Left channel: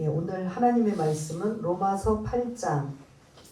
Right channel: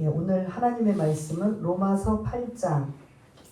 예, 오늘 하나님의 말씀은 로마서 8장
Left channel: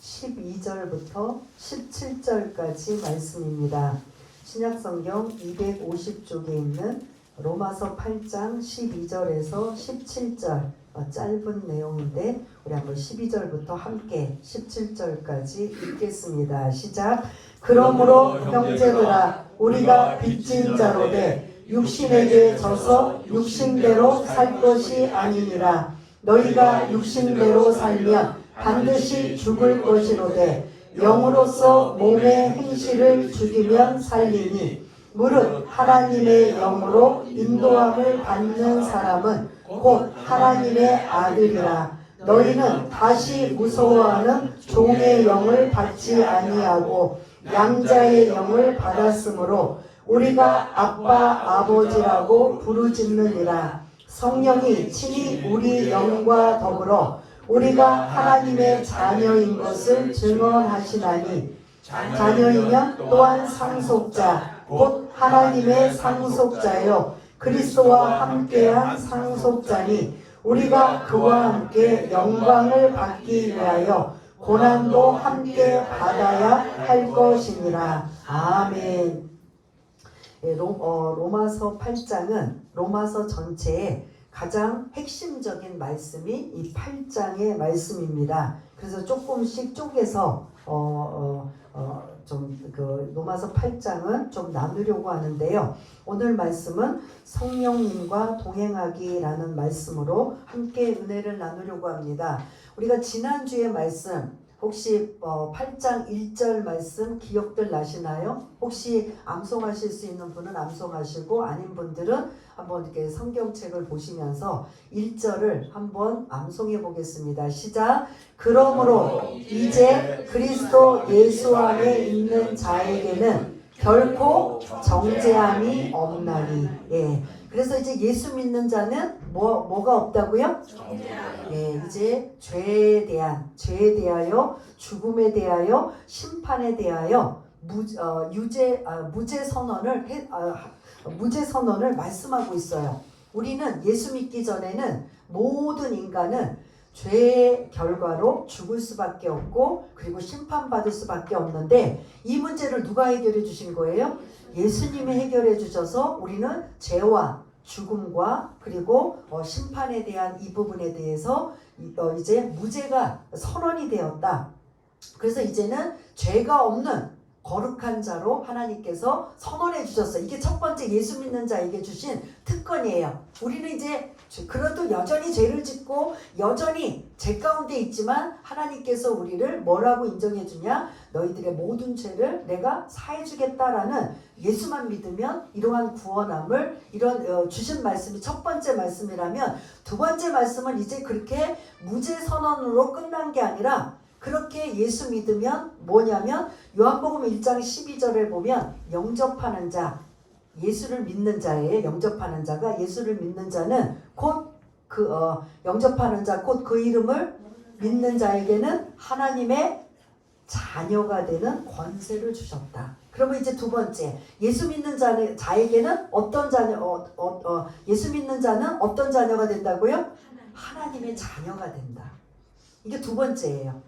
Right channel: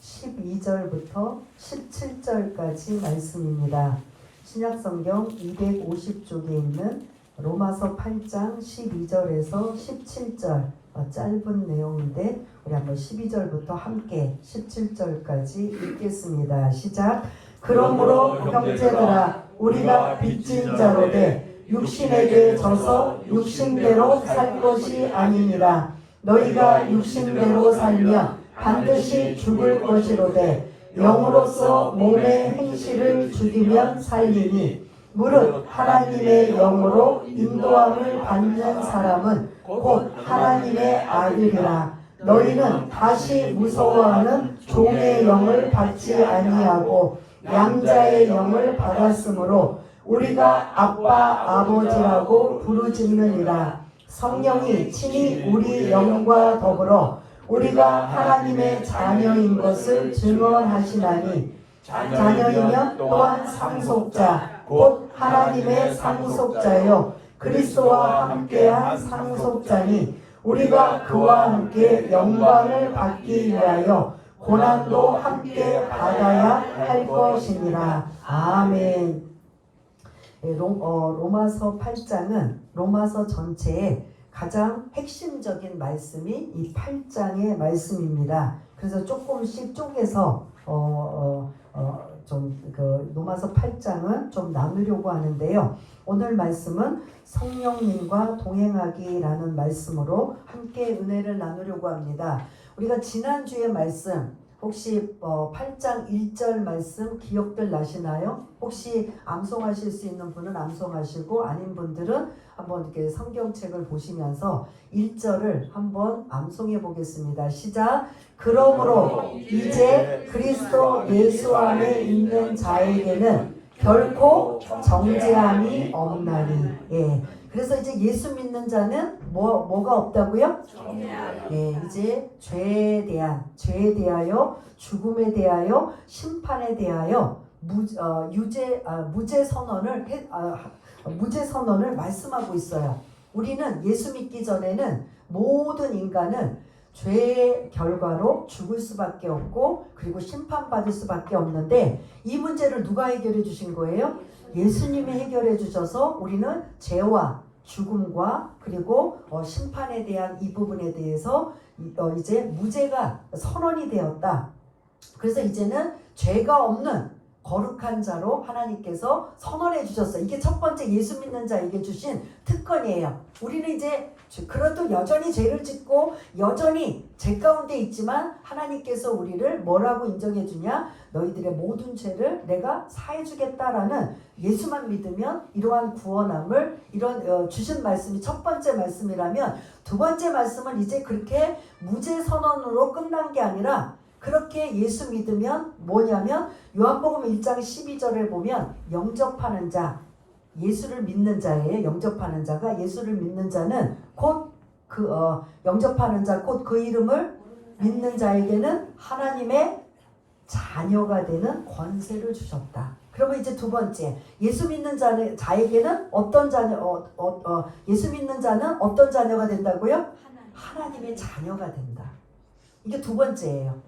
12절부터 17절까지 말씀입니다. 신약성경 250쪽에 있는 로마서 8장 12절에서 17절 짧은 내용인데 우리 한번 12절부터 함께 17절까지 읽겠습니다. 시작. 그러므로 형제들아 우리가 빚진 자로되 육신에게 져서 육신대로 살 것이 아니니라. 너희가 육신대로 살면 반드시 죽을 것이로되 영으로서 몸의 행실을 죽이면 살리니 무릇 하나님의 영으로 인도함을 받는 사람은 곧 하나님의 아들이라. 너희는 다시 무서워하는 종의 영을 받지 아니하고 양자의 영을 받았으므로 우리가 아빠 아버지라고 부르짖느니라. 성령이 친히 우리 영과 더불어 우리가 하나님의 자녀인 것을 증언하시나니 자녀이면 또한 상속자 곧 하나님의 상속자요 그리스도와 함께한 상속자니 우리가 그와 함께 영광을 받기 위하여 고난도 함께 받아야 할 것이니라. 아멘. 로마서 8장은 로마서 전체의 가장 핵심적인 말씀이 이 8장의 말씀입니다. 그래서 조금씩 쪼개서 로마서 8장은 좀 나누려고 하는데요. 오늘 말씀은 성령님과 동행하기라는 말씀으로 함께 은혜를 나누려고 합니다. 우리가 지난주의 말씀 혹시 8장 1절 말씀 기억들 나시나요? 혹시 암송하실 수 있는 분은 암송하시고 아닌 분들은 한번 이렇게 성경책을 보시면서 1절을 한번 암송해 보겠습니다. 시작. 그러므로 이제 그리스도 예수 안에 있는 자에게는 결코 정죄함이 없나니. 예. 그래서 이제 예수 믿는 자는 뭐가 없다고요? 예, 이제 죄에 대하여 죽음에 대하여 심판에 대하여 무죄 선언을 말씀하고 있어요. 우리는 예수 믿기 전에는 모든 인간은 죄의 결과로 죽을 수밖에 없고 그리고 심판받을 수밖에 없는데 이 문제를 누가 해결해 주신 거예요? 예수님이 해결해 주셔서 우리는 죄와 죽음과 그리고 심판에 대한 이 부분에 대해서 이제 무죄가 선언이 되었다. 그래서 이제는 죄가 없는 거룩한 자로 하나님께서 선언해 주셨어요. 이게 첫 번째 예수 믿는 자에게 주신 특권이에요. 우리는 이제 그래도 여전히 죄를 짓고 여전히 죄 가운데 있지만 하나님께서 우리를 뭐라고 인정해 주냐? 너희들의 모든 죄를 내가 사해 주겠다라는 예수만 믿으면 이러한 구원함을 이런 주신 말씀이 첫 번째 말씀이라면 두 번째 말씀은 이제 그렇게 무죄 선언으로 끝난 게 아니라 그렇게 예수 믿으면 뭐냐면 요한복음 1장 12절에 보면 영접하는 자 예수를 믿는 자에 영접하는 자가 예수를 믿는 자는 곧 영접하는 자 곧 그 이름을 믿는 자에게는 하나님의 자녀가 되는 권세를 주셨다. 그러면 이제 두 번째 예수 믿는 자에게는 어떤 자녀 예수 믿는 자는 어떤 자녀가 된다고요? 하나님의 자녀가 된다. 이게 두 번째예요.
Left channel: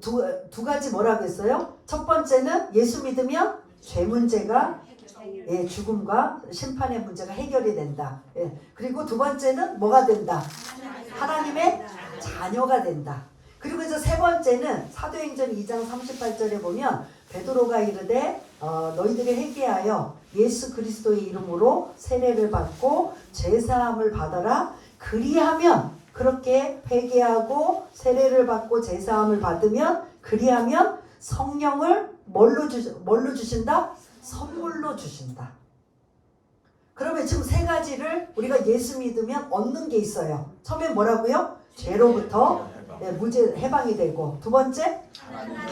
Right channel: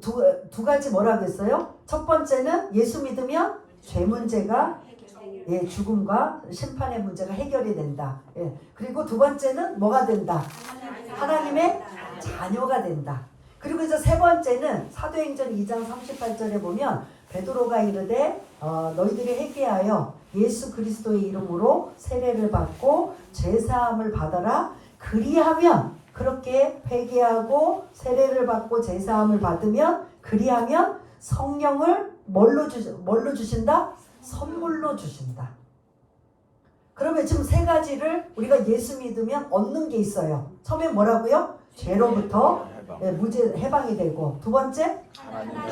두 가지 뭐라고 했어요? 첫 번째는 예수 믿으면 죄 문제가 죽음과 심판의 문제가 해결이 된다. 그리고 두 번째는 뭐가 된다? 하나님의 자녀가 된다. 그리고 이제 세 번째는 사도행전 2장 38절에 보면 베드로가 이르되 너희들이 회개하여 예수 그리스도의 이름으로 세례를 받고 제사함을 받아라. 그리하면 그렇게 회개하고 세례를 받고 제사함을 받으면 그리하면 성령을 뭘로 주신다? 선물로 주신다. 그러면 지금 세 가지를 우리가 예수 믿으면 얻는 게 있어요. 처음에 뭐라고요? 죄로부터 무죄 해방이 되고 두 번째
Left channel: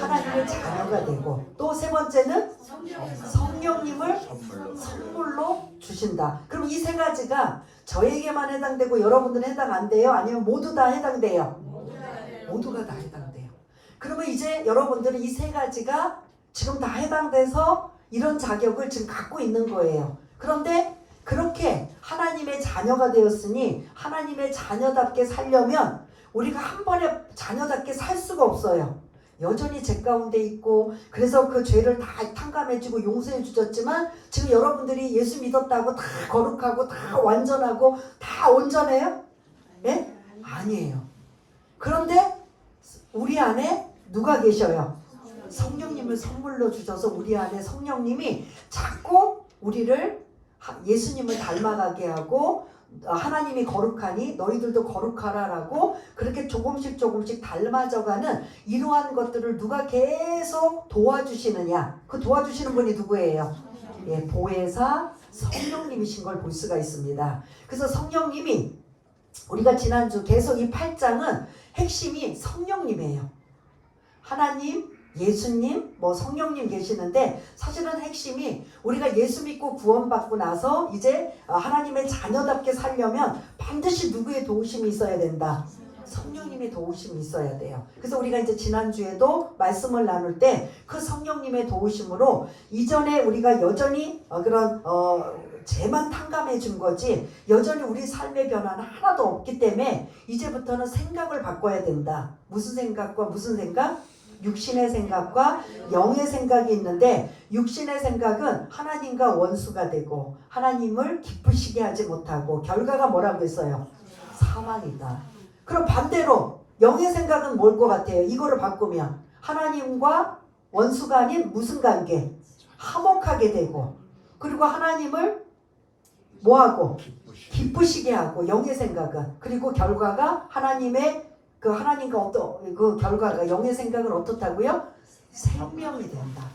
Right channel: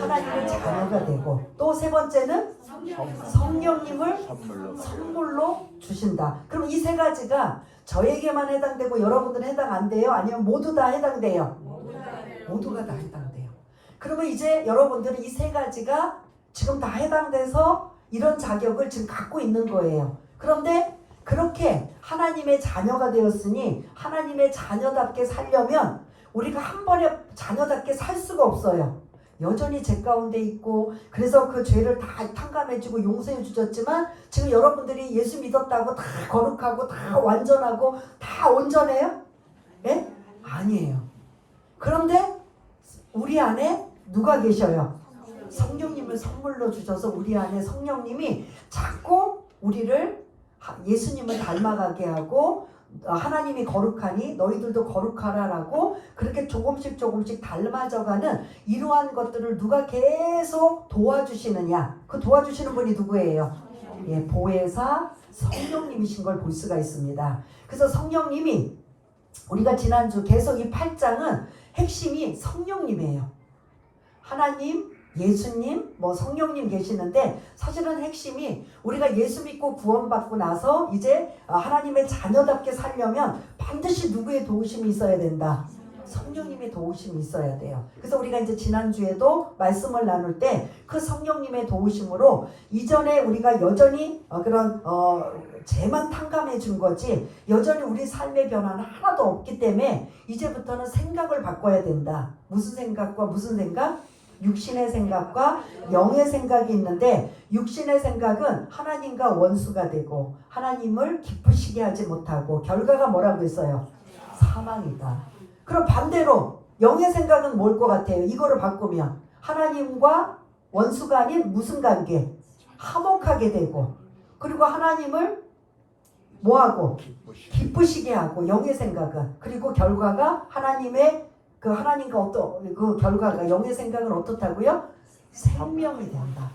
하나님의 자녀가 되고 또 세 번째는 성령님을 선물로 주신다. 그럼 이 세 가지가 저에게만 해당되고 여러분들은 해당 안 돼요? 아니면 모두 다 해당돼요? 모두가 다 해당돼요. 그러면 이제 여러분들은 이 세 가지가 지금 다 해당돼서 이런 자격을 지금 갖고 있는 거예요. 그런데 그렇게 하나님의 자녀가 되었으니 하나님의 자녀답게 살려면 우리가 한 번에 자녀답게 살 수가 없어요. 여전히 죄 가운데 있고, 그래서 그 죄를 다 탕감해주고 용서해 주셨지만 지금 여러분들이 예수 믿었다고 다 거룩하고 다 완전하고 다 온전해요? 예? 아니에요. 그런데 우리 안에 누가 계셔요? 성령님을 선물로 주셔서 우리 안에 성령님이 자꾸 우리를 예수님을 닮아가게 하고, 하나님이 거룩하니 너희들도 거룩하라라고 그렇게 조금씩 닮아져가는 이러한 것들을 누가 계속 도와주시느냐? 그 도와주시는 분이 누구예요? 예, 보혜사 성령님이신 걸 볼 수가 있습니다. 그래서 성령님이, 우리가 지난주 계속 이 8장은 핵심이 성령님이에요. 하나님, 예수님, 성령님 계시는데 사실은 핵심이 우리가 예수 믿고 구원받고 나서 이제 하나님의 자녀답게 살려면 반드시 누구의 도우심이 있어야 된다? 성령님의 도우심이 있어야 돼요. 그래서 우리가 이제 지난주에도 말씀을 나눌 때 그 성령님의 도우심으로 이전에 우리가 여전히 그런 죄만 탕감해 준 거지 여전히 우리 삶의 변화는 하나도 없기 때문에 이제부터는 생각을 바꿔야 된다. 무슨 생각과 무슨 생각? 육신의 생각과 영의 생각이 있는데, 육신의 생각은 하나님과 원수가 되고 하나님을 기쁘시게 하지 못하고 결과가 뭐라고 했어요? 사망이다. 그럼 반대로 영의 생각은 뭘 것 같아요? 이거를 바꾸면 하나님과 원수가 아닌 무슨 관계? 화목하게 되고, 그리고 하나님을 뭐하고? 기쁘시게 하고. 영의 생각은, 그리고 결과가 하나님의 그 하나님과 어떤 그 결과가, 영의 생각은 어떻다고요? 생명이 된다.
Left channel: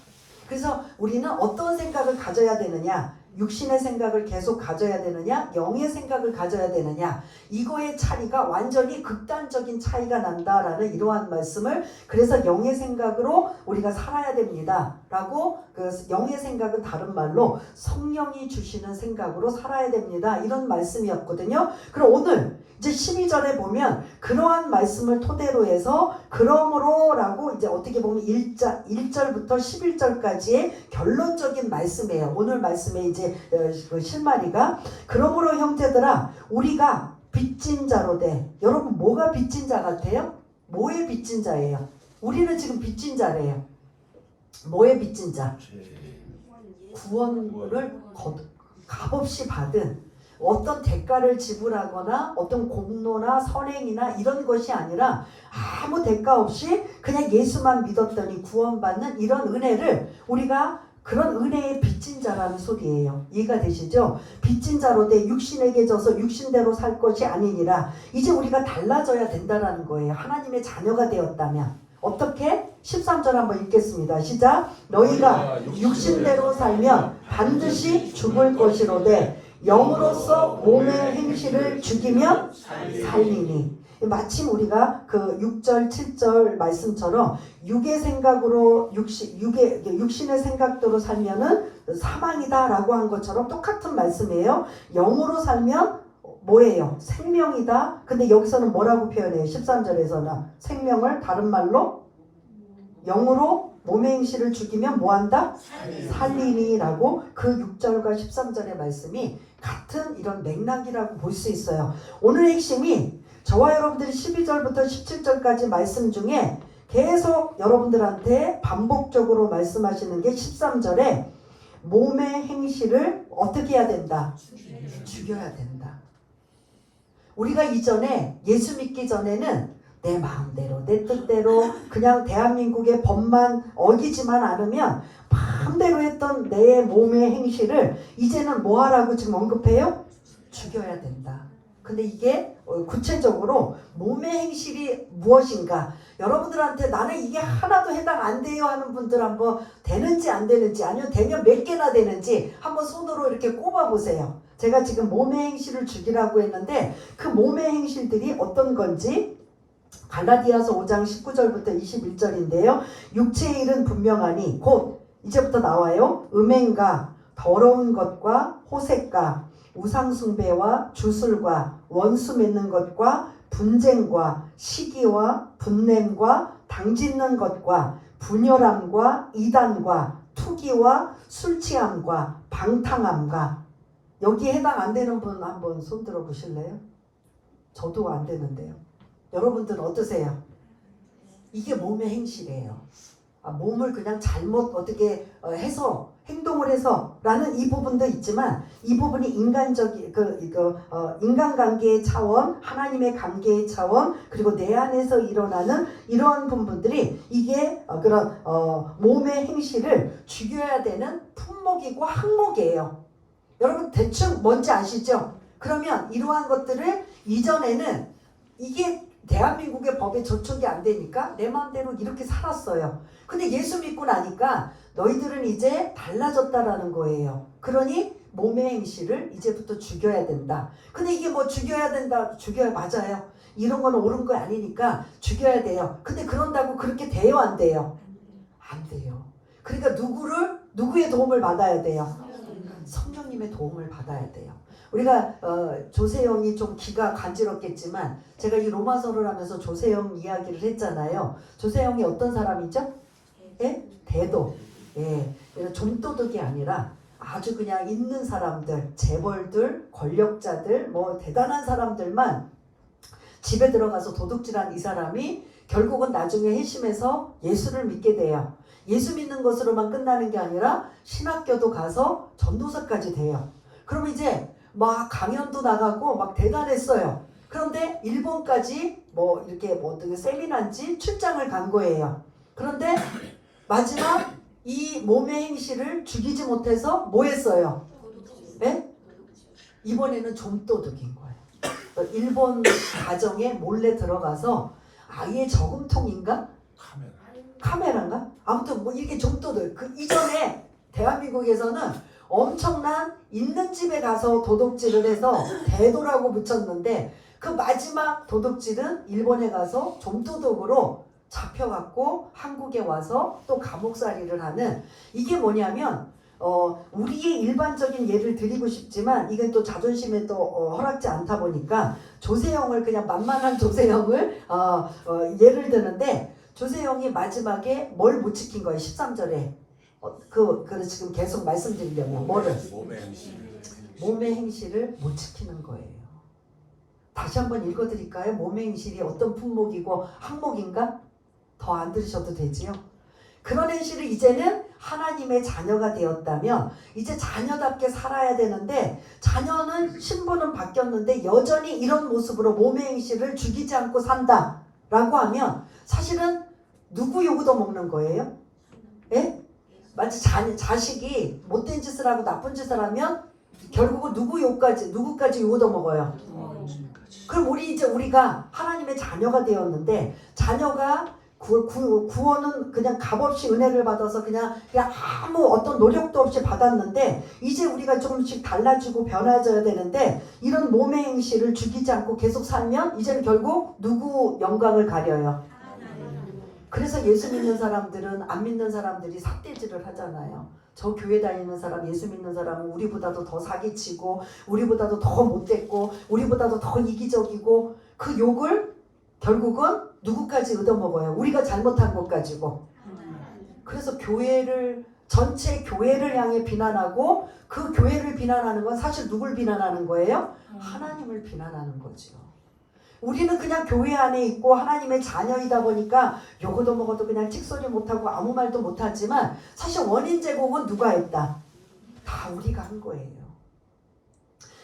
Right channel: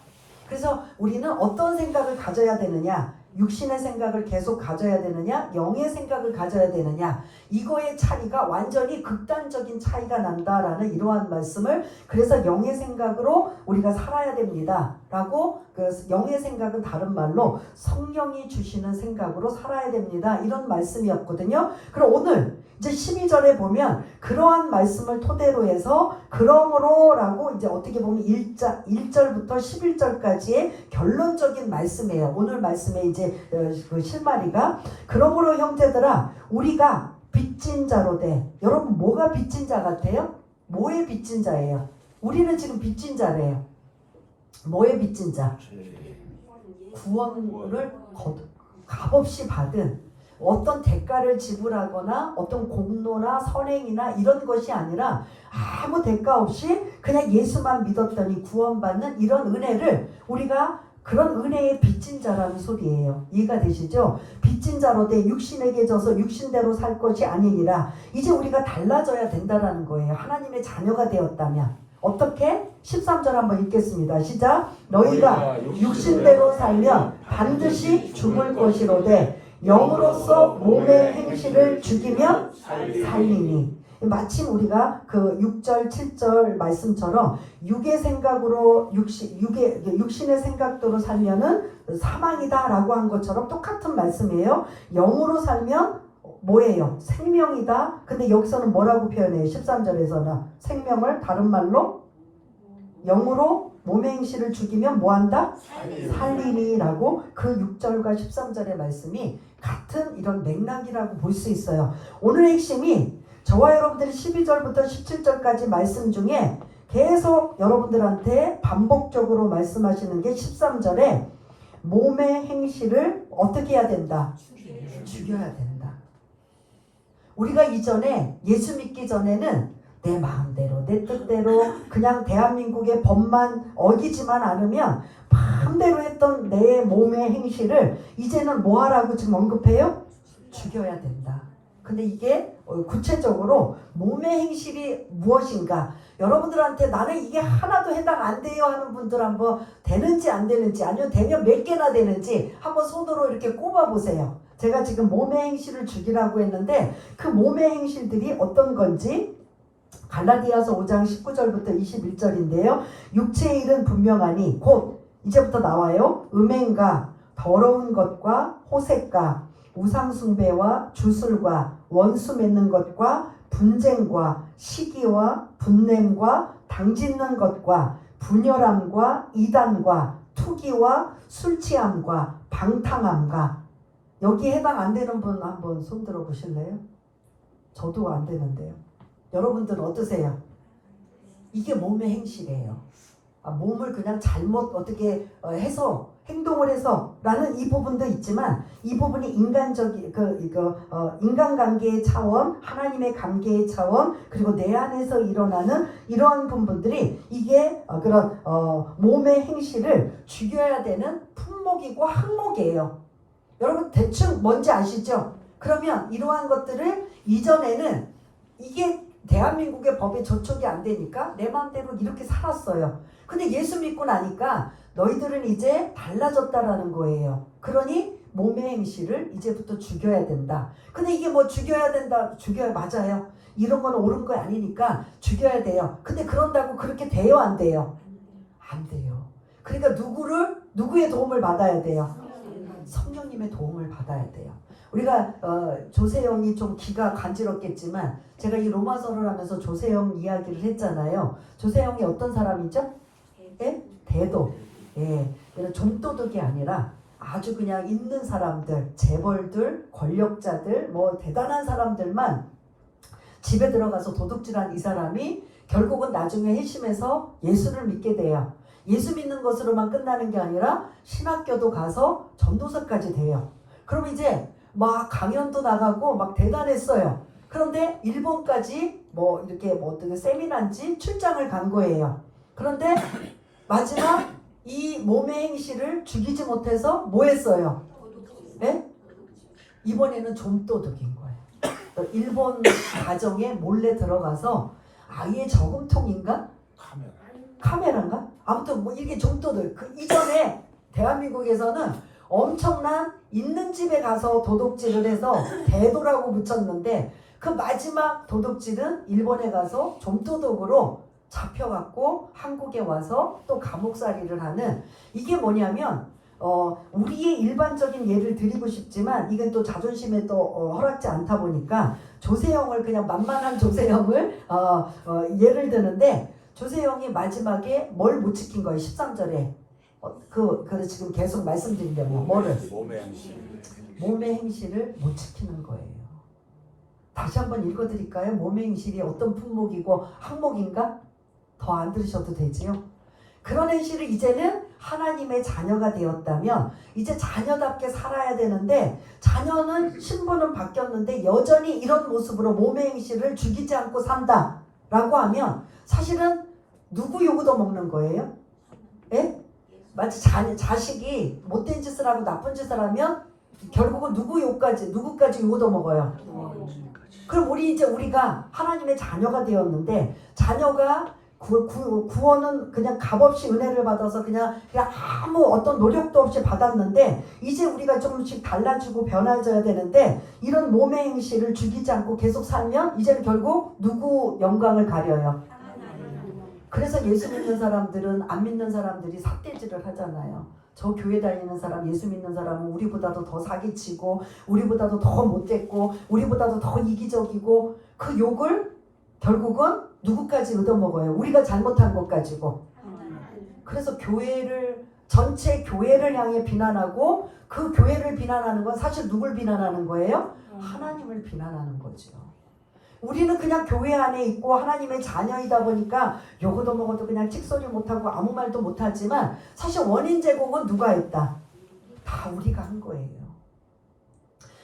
그래서 우리는 어떤 생각을 가져야 되느냐? 육신의 생각을 계속 가져야 되느냐? 영의 생각을 가져야 되느냐? 이거의 차이가 완전히 극단적인 차이가 난다라는 이러한 말씀을, 그래서 영의 생각으로 우리가 살아야 됩니다 라고, 그 영의 생각은 다른 말로 성령이 주시는 생각으로 살아야 됩니다, 이런 말씀이었거든요. 그럼 오늘 이제 12절에 보면 그러한 말씀을 토대로 해서 그러므로 라고 이제 어떻게 보면 1절부터 11절까지의 결론적인 말씀이에요. 오늘 말씀에 이제 그 실마리가, 그러므로 형제들아 우리가 빚진 자로 돼. 여러분 뭐가 빚진 자 같아요? 뭐의 빚진 자예요? 우리는 지금 빚진 자래요. 뭐의 빚진 자? 구원을 값없이 받은, 어떤 대가를 지불하거나 어떤 공로나 선행이나 이런 것이 아니라 아무 대가 없이 그냥 예수만 믿었더니 구원받는 이런 은혜를, 우리가 그런 은혜의 빚진 자라는 소리예요. 이해가 되시죠? 빚진 자로 돼 육신에게 져서 육신대로 살 것이 아니니라. 이제 우리가 달라져야 된다라는 거예요. 하나님의 자녀가 되었다면. 어떻게? 13절 한번 읽겠습니다. 시작. 너희가 육신대로 살면 반드시 죽을 것이로되 영으로서 몸의 행실을 죽이면 살리니. 마침 우리가 그 6절 7절 말씀처럼 육의 생각으로 육신의 생각대로 살면은 사망이다 라고 한 것처럼 똑같은 말씀이에요. 영으로 살면 뭐예요? 생명이다. 근데 여기서는 뭐라고 표현해요? 13절에서는 생명을 다른 말로 영으로 몸의 행실을 죽이면 뭐한다? 살리니 라고, 그 6절과 13절의 말씀이 같은 이런 맥락이라고 볼 수 있어요. 오늘 핵심이 저와 여러분들이 12절부터 17절까지 말씀 중에 계속 여러분들한테 반복적으로 말씀하시는 게 13절에 몸의 행실을 어떻게 해야 된다? 죽여야 된다. 우리가 이전에 예수 믿기 전에는 내 마음대로 내 뜻대로 그냥 대한민국의 법만 어기지만 않으면 마음대로 했던 내 몸의 행실을 이제는 뭐 하라고 지금 언급해요? 죽여야 된다. 근데 이게 구체적으로 몸의 행실이 무엇인가, 여러분들한테 나는 이게 하나도 해당 안 돼요 하는 분들 한번 되는지 안 되는지, 아니면 되면 몇 개나 되는지 한번 손으로 이렇게 꼽아 보세요. 제가 지금 몸의 행실을 죽이라고 했는데 그 몸의 행실들이 어떤 건지 갈라디아서 5장 19절부터 21절인데요. 육체의 일은 분명하니, 곧 이제부터 나와요. 음행과 더러운 것과 호색과 우상숭배와 주술과 원수 맺는 것과 분쟁과 시기와 분냄과 당짓는 것과 분열함과 이단과 투기와 술취함과 방탕함과, 여기 해당 안 되는 분 한번 손 들어 보실래요? 저도 안 되는데요. 여러분들은 어떠세요? 이게 몸의 행실이에요. 몸을 그냥 잘못 어떻게 해서 행동을 해서라는 이 부분도 있지만 이 부분이 인간적인 인간관계의 차원, 하나님의 관계의 차원, 그리고 내 안에서 일어나는 이러한 부분들이 이게 그런 몸의 행실을 죽여야 되는 품목이고 항목이에요. 여러분 대충 뭔지 아시죠? 그러면 이러한 것들을 이전에는 이게 대한민국의 법에 저촉이 안 되니까 내 마음대로 이렇게 살았어요. 근데 예수 믿고 나니까 너희들은 이제 달라졌다라는 거예요. 그러니 몸의 행실을 이제부터 죽여야 된다. 근데 이게 뭐 죽여야 된다, 죽여야 맞아요. 이런 건 옳은 거 아니니까 죽여야 돼요. 근데 그런다고 그렇게 돼요, 안 돼요? 안 돼요. 그러니까 누구의 도움을 받아야 돼요? 성령님의 도움을 받아야 돼요. 우리가 조세형이 좀 귀가 간지럽겠지만 제가 이 로마서를 하면서 조세형 이야기를 했잖아요. 조세형이 어떤 사람이죠? 예? 대도. 예. 좀도둑이 아니라 아주 그냥 있는 사람들, 재벌들, 권력자들, 뭐 대단한 사람들만 집에 들어가서 도둑질한 이 사람이 결국은 나중에 회심해서 예수를 믿게 돼요. 예수 믿는 것으로만 끝나는 게 아니라 신학교도 가서 전도사까지 돼요. 그럼 이제 막 강연도 나가고 막 대단했어요. 그런데 일본까지 뭐 이렇게 뭐 어떤 세미나인지 출장을 간 거예요. 그런데 마지막 이 몸의 행실을 죽이지 못해서 뭐 했어요? 네? 이번에는 좀도둑인 거예요. 일본 가정에 몰래 들어가서 아예 저금통인가? 카메라인가? 아무튼 뭐 이렇게 좀도둑. 그 이전에 대한민국에서는 엄청난 있는 집에 가서 도둑질을 해서 대도라고 붙였는데 그 마지막 도둑질은 일본에 가서 좀도둑으로 잡혀갖고 한국에 와서 또 감옥살이를 하는 이게 뭐냐면 우리의 일반적인 예를 드리고 싶지만 이건 또 자존심에 또 허락지 않다 보니까 조세형을 그냥 만만한 조세형을 예를 드는데 조세형이 마지막에 뭘 못 지킨 거예요? 13절에 그 지금 계속 말씀드리려면 뭐를? 몸의 행실을 못 지키는 거예요. 다시 한번 읽어드릴까요? 몸의 행실이 어떤 품목이고 항목인가? 더 안 들으셔도 되지요. 그런 행실을 이제는 하나님의 자녀가 되었다면 이제 자녀답게 살아야 되는데 자녀는 신분은 바뀌었는데 여전히 이런 모습으로 몸의 행실을 죽이지 않고 산다 라고 하면 사실은 누구 욕도 먹는 거예요? 예? 마치 자식이 못된 짓을 하고 나쁜 짓을 하면 결국은 누구까지 욕도 먹어요. 그럼 우리가 하나님의 자녀가 되었는데 자녀가 구원은 그냥 값없이 은혜를 받아서 그냥 아무 어떤 노력도 없이 받았는데 이제 우리가 조금씩 달라지고 변화져야 되는데 이런 몸의 행실을 죽이지 않고 계속 살면 이제는 결국 누구 영광을 가려요? 그래서 예수 믿는 사람들은 안 믿는 사람들이 삿대질을 하잖아요. 저 교회 다니는 사람, 예수 믿는 사람은 우리보다도 더 사기치고 우리보다도 더 못됐고 우리보다도 더 이기적이고 그 욕을 결국은 누구까지 얻어먹어요? 우리가 잘못한 것 가지고. 그래서 전체 교회를 향해 비난하고 그 교회를 비난하는 건 사실 누굴 비난하는 거예요? 하나님을 비난하는 거죠. 우리는 그냥 교회 안에 있고 하나님의 자녀이다 보니까 요거도 뭐고도 그냥 틱소리 못하고 아무 말도 못하지만 사실 원인 제공은 누가 했다? 다 우리가 한 거예요.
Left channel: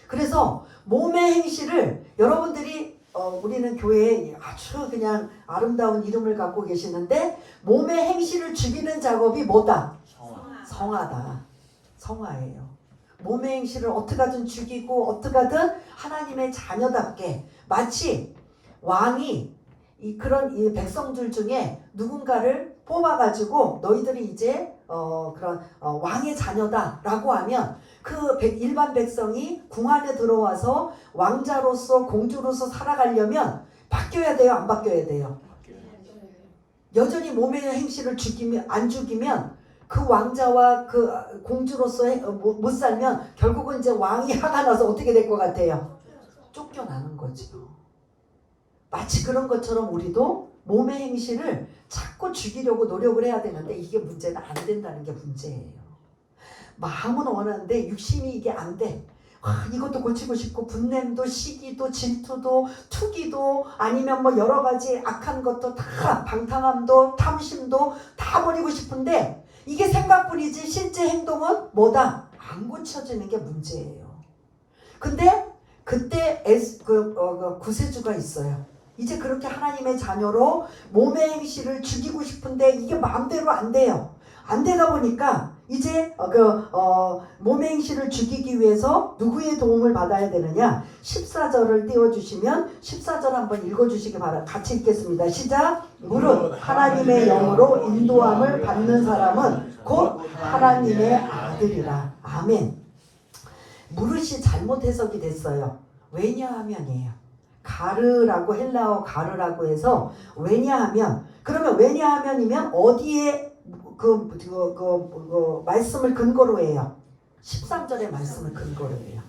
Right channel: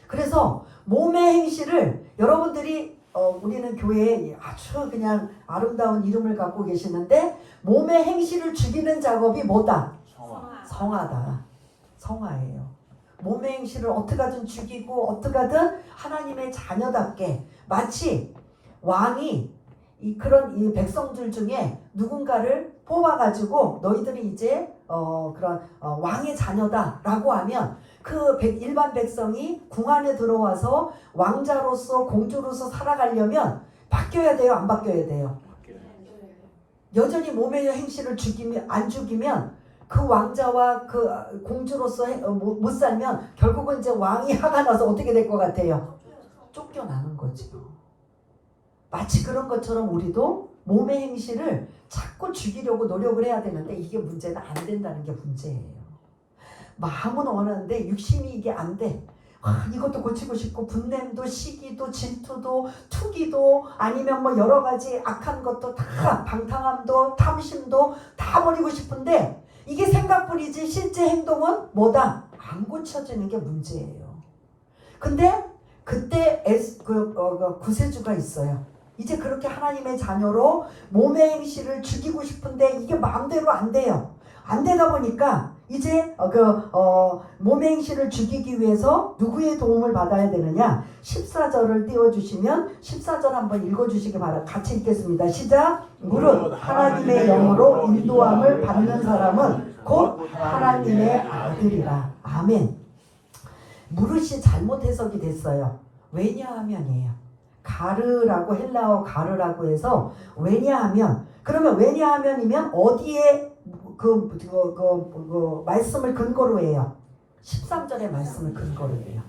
그래서 몸의 행실을 여러분들이 우리는 교회에 아주 그냥 아름다운 이름을 갖고 계시는데 몸의 행실을 죽이는 작업이 뭐다? 성화다. 성화예요. 몸의 행실을 어떻게 하든 죽이고 어떻게 하든 하나님의 자녀답게 마치 왕이 그런 이 백성들 중에 누군가를 뽑아가지고 너희들이 이제 그런 왕의 자녀다라고 하면 그 일반 백성이 궁 안에 들어와서 왕자로서 공주로서 살아가려면 바뀌어야 돼요? 안 바뀌어야 돼요? 여전히 몸의 행실을 안 죽이면 그 왕자와 그 공주로서 못 살면 결국은 이제 왕이 화가 나서 어떻게 될 것 같아요? 쫓겨나는 거죠. 마치 그런 것처럼 우리도 몸의 행실을 자꾸 죽이려고 노력을 해야 되는데 이게 문제는 안 된다는 게 문제예요. 마음은 원하는데 육신이 이게 안 돼. 이것도 고치고 싶고 분냄도 시기도 질투도 투기도 아니면 뭐 여러 가지 악한 것도 다 방탕함도 탐심도 다 버리고 싶은데 이게 생각뿐이지 실제 행동은 뭐다? 안 고쳐지는 게 문제예요. 근데 그때 구세주가 있어요. 이제 그렇게 하나님의 자녀로 몸의 행실을 죽이고 싶은데 이게 마음대로 안 돼요. 안 되다 보니까 이제 몸의 행실을 죽이기 위해서 누구의 도움을 받아야 되느냐? 14절을 띄워주시면 14절 한번 읽어주시기 바랍니다. 같이 읽겠습니다. 시작! 무릇 하나님의 영으로 인도함을 받는 사람은 곧 하나님의 아들이라. 아멘. 무릇이 잘못 해석이 됐어요. 왜냐하면이에요. 가르라고 헬라어 가르라고 해서 왜냐하면 그러면 왜냐하면이면 어디에 말씀을 근거로 해요. 13절의 말씀을 근거로 해요.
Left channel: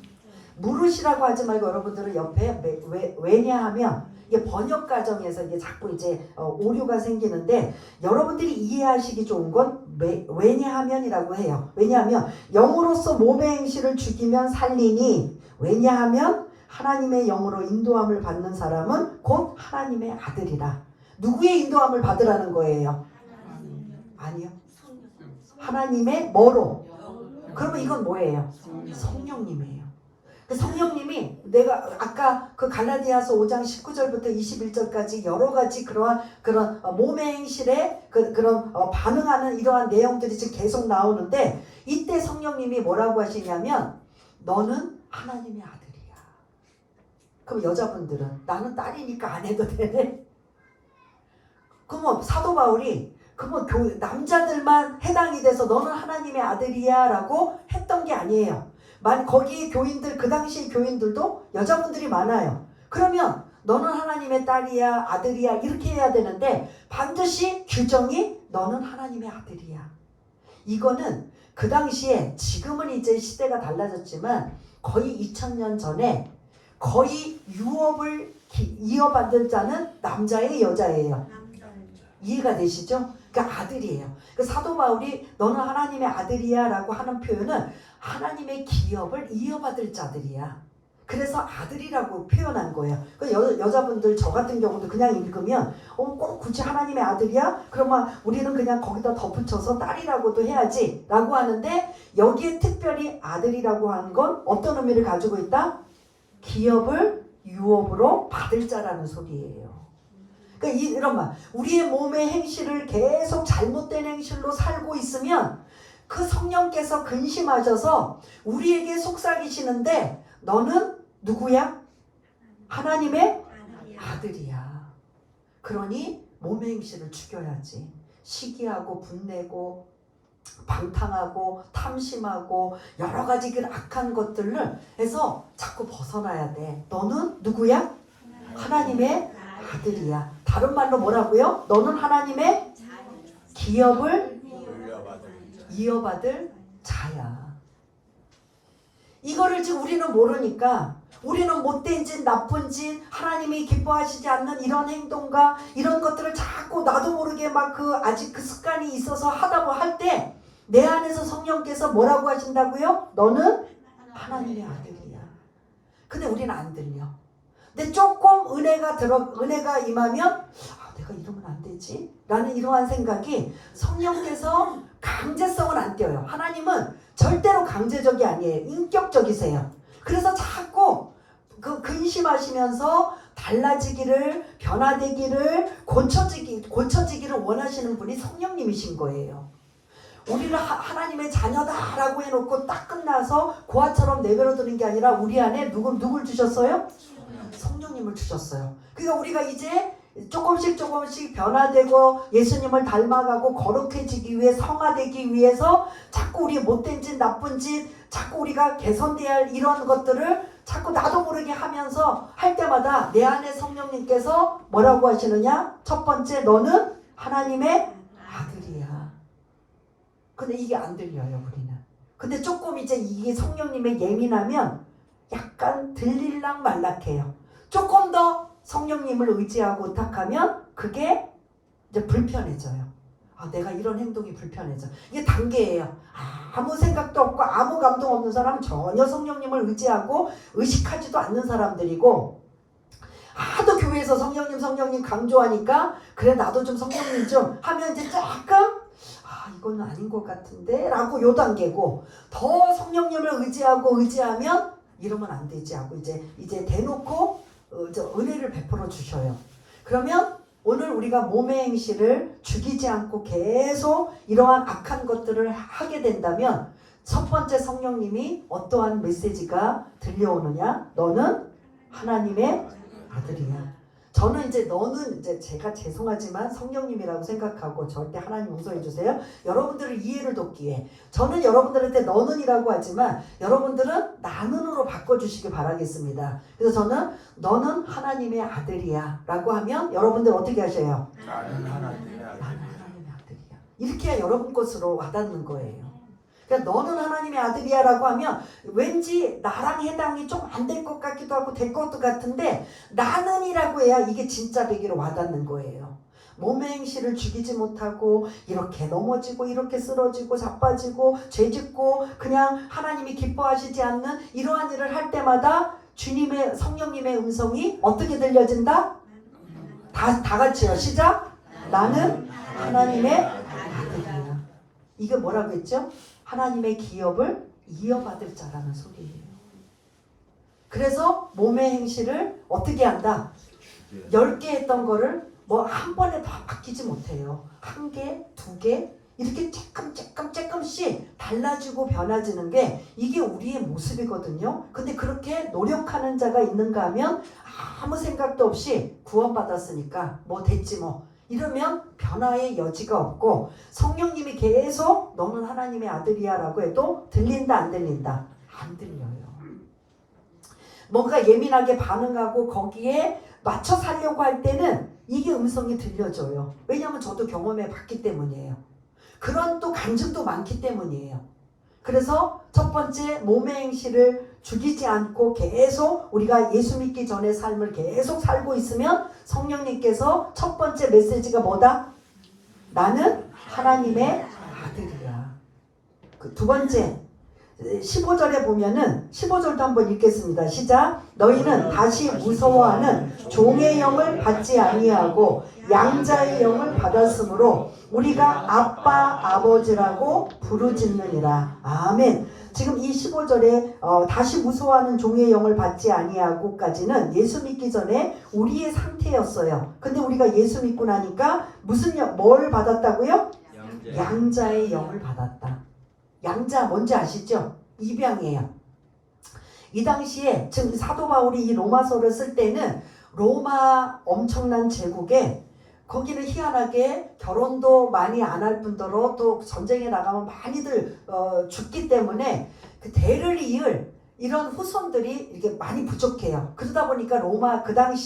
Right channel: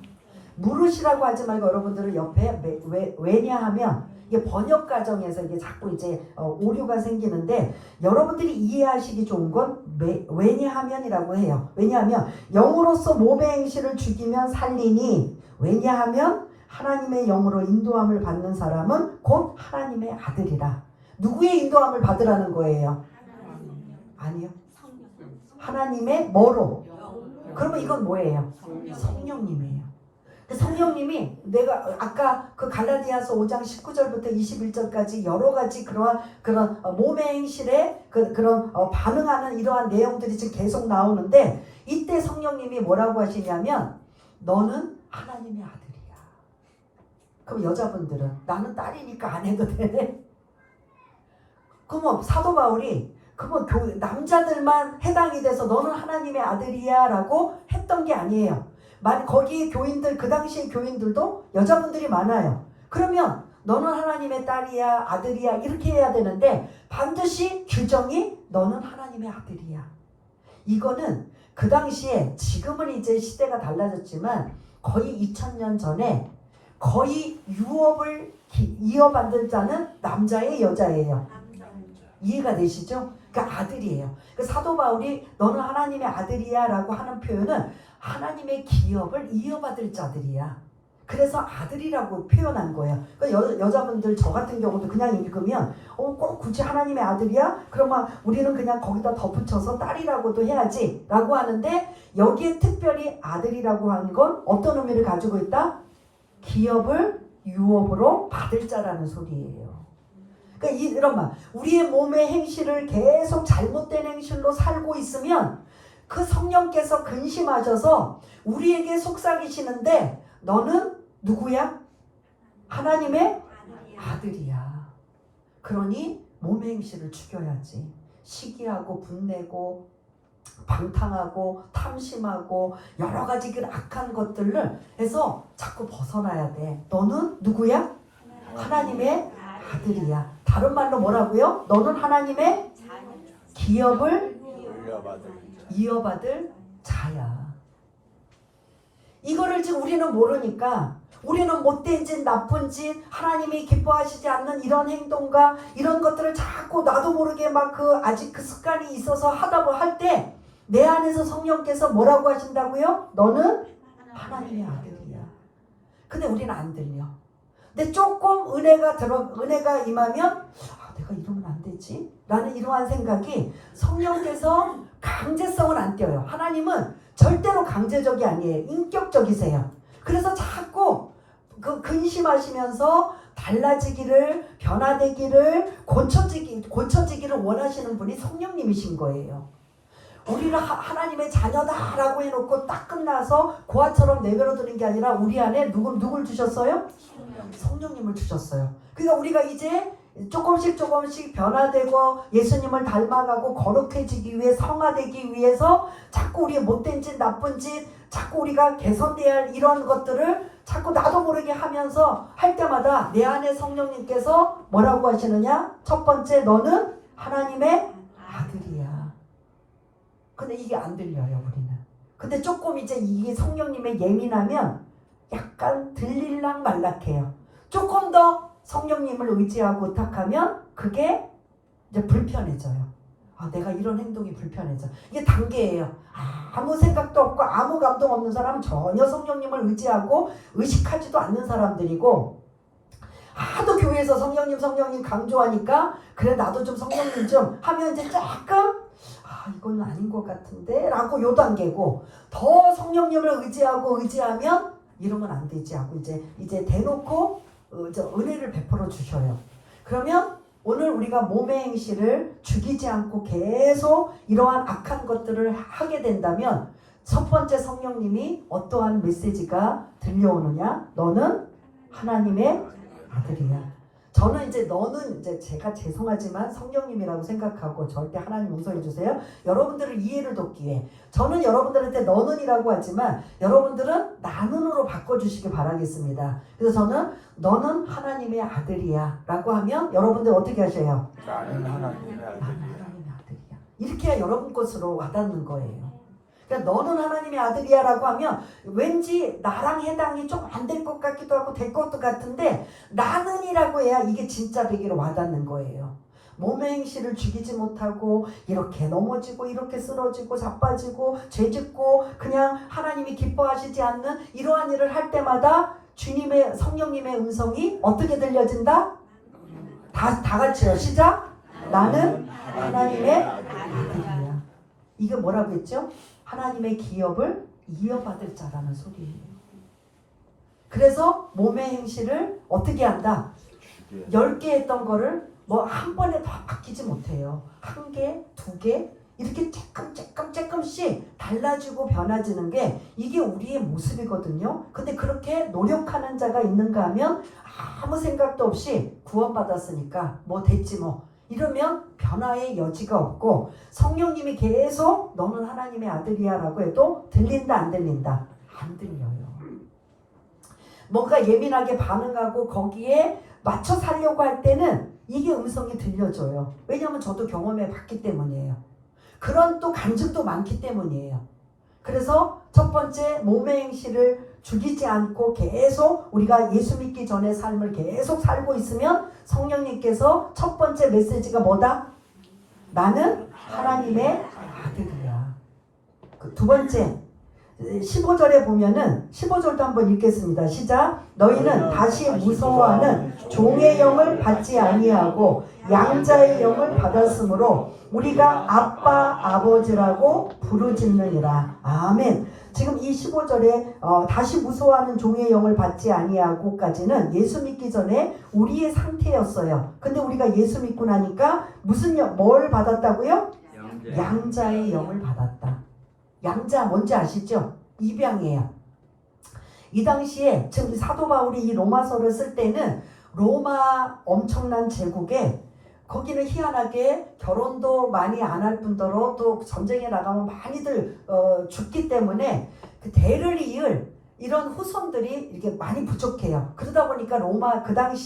무릇이라고 하지 말고 여러분들은 옆에 왜냐하면 이게 번역 과정에서 이게 자꾸 이제 오류가 생기는데 여러분들이 이해하시기 좋은 건 왜냐하면이라고 해요. 왜냐하면 영으로서 몸의 행실을 죽이면 살리니 왜냐하면 하나님의 영으로 인도함을 받는 사람은 곧 하나님의 아들이라. 누구의 인도함을 받으라는 거예요? 아니요. 하나님의 뭐로? 그러면 이건 뭐예요? 성령님이에요. 그 성령님이 내가 아까 그 갈라디아서 5장 19절부터 21절까지 여러 가지 그런 몸의 행실에 그런 반응하는 이러한 내용들이 지금 계속 나오는데 이때 성령님이 뭐라고 하시냐면 너는 하나님의 아들이야. 그럼 여자분들은 나는 딸이니까 안 해도 되네. 그러면 사도 바울이 그러면 남자들만 해당이 돼서 너는 하나님의 아들이야 라고 했던 게 아니에요. 거기 교인들 그 당시의 교인들도 여자분들이 많아요. 그러면 너는 하나님의 딸이야 아들이야 이렇게 해야 되는데 반드시 규정이 너는 하나님의 아들이야. 이거는 그 당시에 지금은 이제 시대가 달라졌지만 거의 2000년 전에 거의 유업을 이어받을 자는 남자의 여자예요. 이해가 되시죠? 그러니까 아들이에요. 그 사도 바울이 너는 하나님의 아들이야 라고 하는 표현은 하나님의 기업을 이어받을 자들이야. 그래서 아들이라고 표현한 거예요. 그러니까 여자분들 저 같은 경우도 그냥 읽으면 꼭 굳이 하나님의 아들이야? 그러면 우리는 그냥 거기다 덧붙여서 딸이라고도 해야지 라고 하는데 여기에 특별히 아들이라고 한 건 어떤 의미를 가지고 있다? 기업을 유업으로 받을 자라는 소리예요. 그러니까 이런 말, 우리의 몸의 행실을 계속 잘못된 행실로 살고 있으면 그 성령께서 근심하셔서 우리에게 속삭이시는데 너는 누구야? 하나님의 아들이야. 그러니 몸의 행실을 죽여야지. 시기하고 분내고 방탕하고 탐심하고 여러 가지 그 악한 것들을 해서 자꾸 벗어나야 돼. 너는 누구야? 하나님의 아들이야. 다른 말로 뭐라고요? 너는 하나님의 기업을 이어받을 자야. 이거를 지금 우리는 모르니까 우리는 못된 짓, 나쁜 짓, 하나님이 기뻐하시지 않는 이런 행동과 이런 것들을 자꾸 나도 모르게 막 아직 그 습관이 있어서 할 때 내 안에서 성령께서 뭐라고 하신다고요? 너는 하나님의 아들이야. 근데 우리는 안 들려. 근데 조금 은혜가 임하면 내가 이러면 안 되지? 라는 이러한 생각이 성령께서 강제성은 안 띄어요. 하나님은 절대로 강제적이 아니에요. 인격적이세요. 그래서 자꾸 근심하시면서 달라지기를, 변화되기를, 고쳐지기를 원하시는 분이 성령님이신 거예요. 우리는 하나님의 자녀다라고 해놓고 딱 끝나서 고아처럼 내버려두는 게 아니라 우리 안에 누굴 주셨어요? 성령님을 주셨어요. 그러니까 우리가 이제 조금씩 변화되고 예수님을 닮아가고 거룩해지기 위해 성화되기 위해서 자꾸 우리의 못된 짓, 나쁜 짓, 자꾸 우리가 개선돼야 할 이런 것들을 자꾸 나도 모르게 하면서 할 때마다 내 안에 성령님께서 뭐라고 하시느냐? 첫 번째, 너는 하나님의 아들이야. 근데 이게 안 들려요, 우리는. 근데 조금 이제 이게 성령님의 예민하면 약간 들릴락 말락해요. 조금 더 성령님을 의지하고 의탁하면 그게 이제 불편해져요. 내가 이런 행동이 불편해져. 이게 단계예요. 아무 생각도 없고 아무 감동 없는 사람은 전혀 성령님을 의지하고 의식하지도 않는 사람들이고, 하도 교회에서 성령님 강조하니까 그래 나도 좀 성령님 좀 하면 이제 조금 이건 아닌 것 같은데 라고 요 단계고, 더 성령님을 의지하면 이러면 안 되지 하고 이제 대놓고 은혜를 베풀어 주셔요. 그러면 오늘 우리가 몸의 행실을 죽이지 않고 계속 이러한 악한 것들을 하게 된다면 첫 번째 성령님이 어떠한 메시지가 들려오느냐? 너는 하나님의 아들이야. 저는 이제 너는 이제 제가 죄송하지만 성령님이라고 생각하고 절대 하나님 용서해 주세요. 여러분들을 이해를 돕기 위해 저는 여러분들한테 너는이라고 하지만 여러분들은 나는으로 바꿔주시기 바라겠습니다. 그래서 저는 너는 하나님의 아들이야 라고 하면 여러분들 어떻게 하셔요? 나는 하나님의 아들이야. 이렇게 해야 여러분 것으로 와닿는 거예요. 그러니까 너는 하나님의 아들이야 라고 하면 왠지 나랑 해당이 좀 안 될 것 같기도 하고 될 것도 같은데 나는이라고 해야 이게 진짜 되기로 와닿는 거예요. 몸의 행실을 죽이지 못하고 이렇게 넘어지고 이렇게 쓰러지고 자빠지고 죄짓고 그냥 하나님이 기뻐하시지 않는 이러한 일을 할 때마다 주님의 성령님의 음성이 어떻게 들려진다? 다 같이요. 시작! 나는 하나님의 아들이야. 이게 뭐라고 했죠? 하나님의 기업을 이어받을 자라는 소리예요. 그래서 몸의 행실을 어떻게 한다? 10개 했던 거를 뭐 한 번에 다 바뀌지 못해요. 1개, 2개 이렇게 조금씩 달라지고 변화지는 게 이게 우리의 모습이거든요. 근데 그렇게 노력하는 자가 있는가 하면 아무 생각도 없이 구원받았으니까 뭐 됐지 뭐 이러면 변화의 여지가 없고, 성령님이 계속 너는 하나님의 아들이야 라고 해도 들린다 안 들린다? 안 들려요. 뭔가 예민하게 반응하고 거기에 맞춰 살려고 할 때는 이게 음성이 들려줘요. 왜냐하면 저도 경험해 봤기 때문이에요. 그런 또 간증도 많기 때문이에요. 그래서 첫 번째 몸의 행실을 죽이지 않고 계속 우리가 예수 믿기 전의 삶을 계속 살고 있으면 성령님께서 첫 번째 메시지가 뭐다? 나는 하나님의 아들이야. 두 번째 15절에 보면은 15절도 한번 읽겠습니다. 시작. 너희는 다시 무서워하는 종의 영을 받지 아니하고 양자의 영을 받았으므로 우리가 아빠 아버지라고 부르짖느니라. 아멘. 지금 이 15절에 다시 무서워하는 종의 영을 받지 아니하고까지는 예수 믿기 전에 우리의 상태였어요. 근데 우리가 예수 믿고 나니까 뭘 받았다고요? 양자의 영을 받았다. 양자 뭔지 아시죠? 입양이에요. 이 당시에 지금 사도 바울이 이 로마서를 쓸 때는 로마 엄청난 제국에 거기는 희한하게 결혼도 많이 안 할 뿐더러 또 전쟁에 나가면 많이들 죽기 때문에 그 대를 이을 이런 후손들이 이렇게 많이 부족해요. 그러다 보니까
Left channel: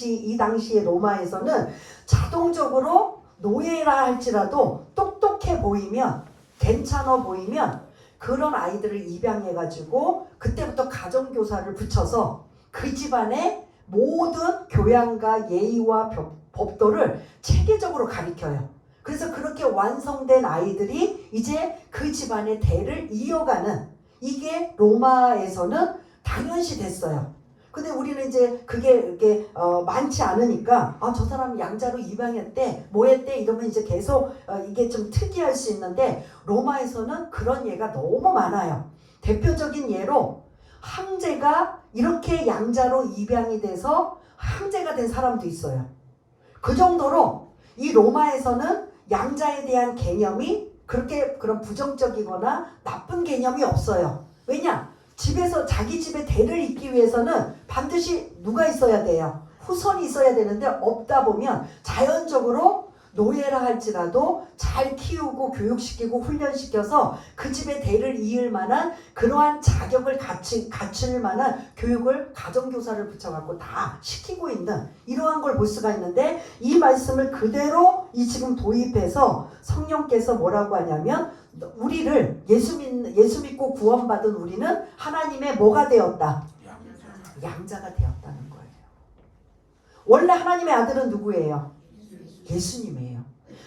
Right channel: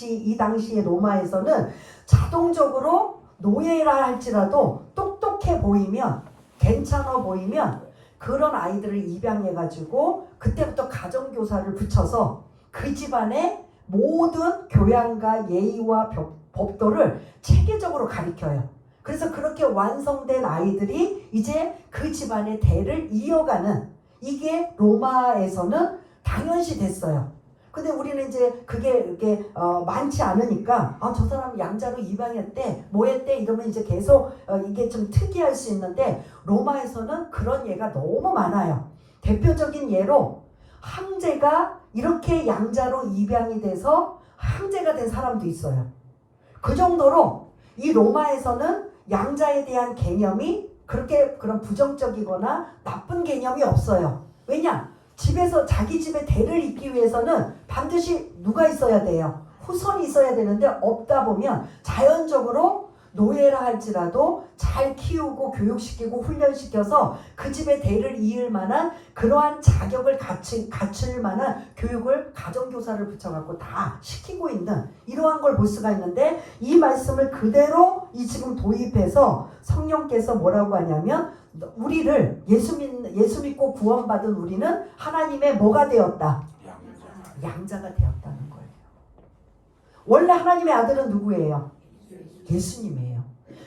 이 당시에 로마에서는 자동적으로 노예라 할지라도 똑똑해 보이면 괜찮아 보이면 그런 아이들을 입양해가지고 그때부터 가정교사를 붙여서 그 집안의 모든 교양과 예의와 법도를 체계적으로 가르쳐요. 그래서 그렇게 완성된 아이들이 이제 그 집안의 대를 이어가는, 이게 로마에서는 당연시 됐어요. 근데 우리는 이제 그게 이렇게 많지 않으니까 저 사람 양자로 입양했대 뭐 했대 이러면 이제 계속 이게 좀 특이할 수 있는데, 로마에서는 그런 예가 너무 많아요. 대표적인 예로 황제가 이렇게 양자로 입양이 돼서 황제가 된 사람도 있어요. 그 정도로 이 로마에서는 양자에 대한 개념이 그렇게 그런 부정적이거나 나쁜 개념이 없어요. 왜냐? 집에서 자기 집에 대를 잇기 위해서는 반드시 누가 있어야 돼요? 후손이 있어야 되는데 없다 보면 자연적으로 노예라 할지라도 잘 키우고 교육시키고 훈련시켜서 그 집에 대를 이을 만한 그러한 자격을 갖출 만한 교육을 가정교사를 붙여갖고 다 시키고 있는 이러한 걸 볼 수가 있는데, 이 말씀을 그대로 지금 도입해서 성령께서 뭐라고 하냐면 우리를 예수 믿고 구원받은 우리는 하나님의 뭐가 되었다? 양자가 되었다는 거예요. 원래 하나님의 아들은 누구예요? 예수님이에요.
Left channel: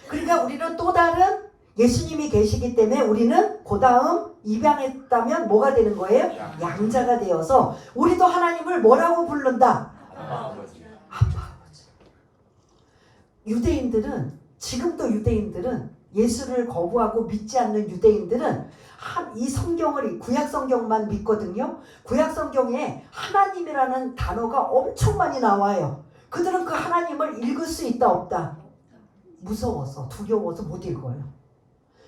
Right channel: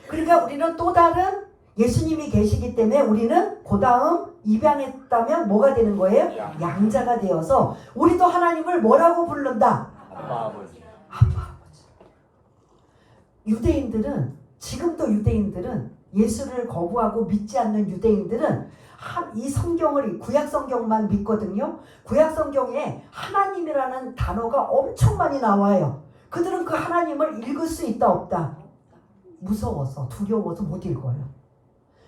그러니까 우리는 또 다른 예수님이 계시기 때문에 우리는 그 다음 입양했다면 뭐가 되는 거예요? 양자가 되어서 우리도 하나님을 뭐라고 부른다? 아빠 아버지. 유대인들은 지금도 유대인들은 예수를 거부하고 믿지 않는 유대인들은 이 성경을 구약 성경만 믿거든요. 구약 성경에 하나님이라는 단어가 엄청 많이 나와요. 그들은 그 하나님을 읽을 수 있다 없다? 무서워서 두려워서 못 읽어요.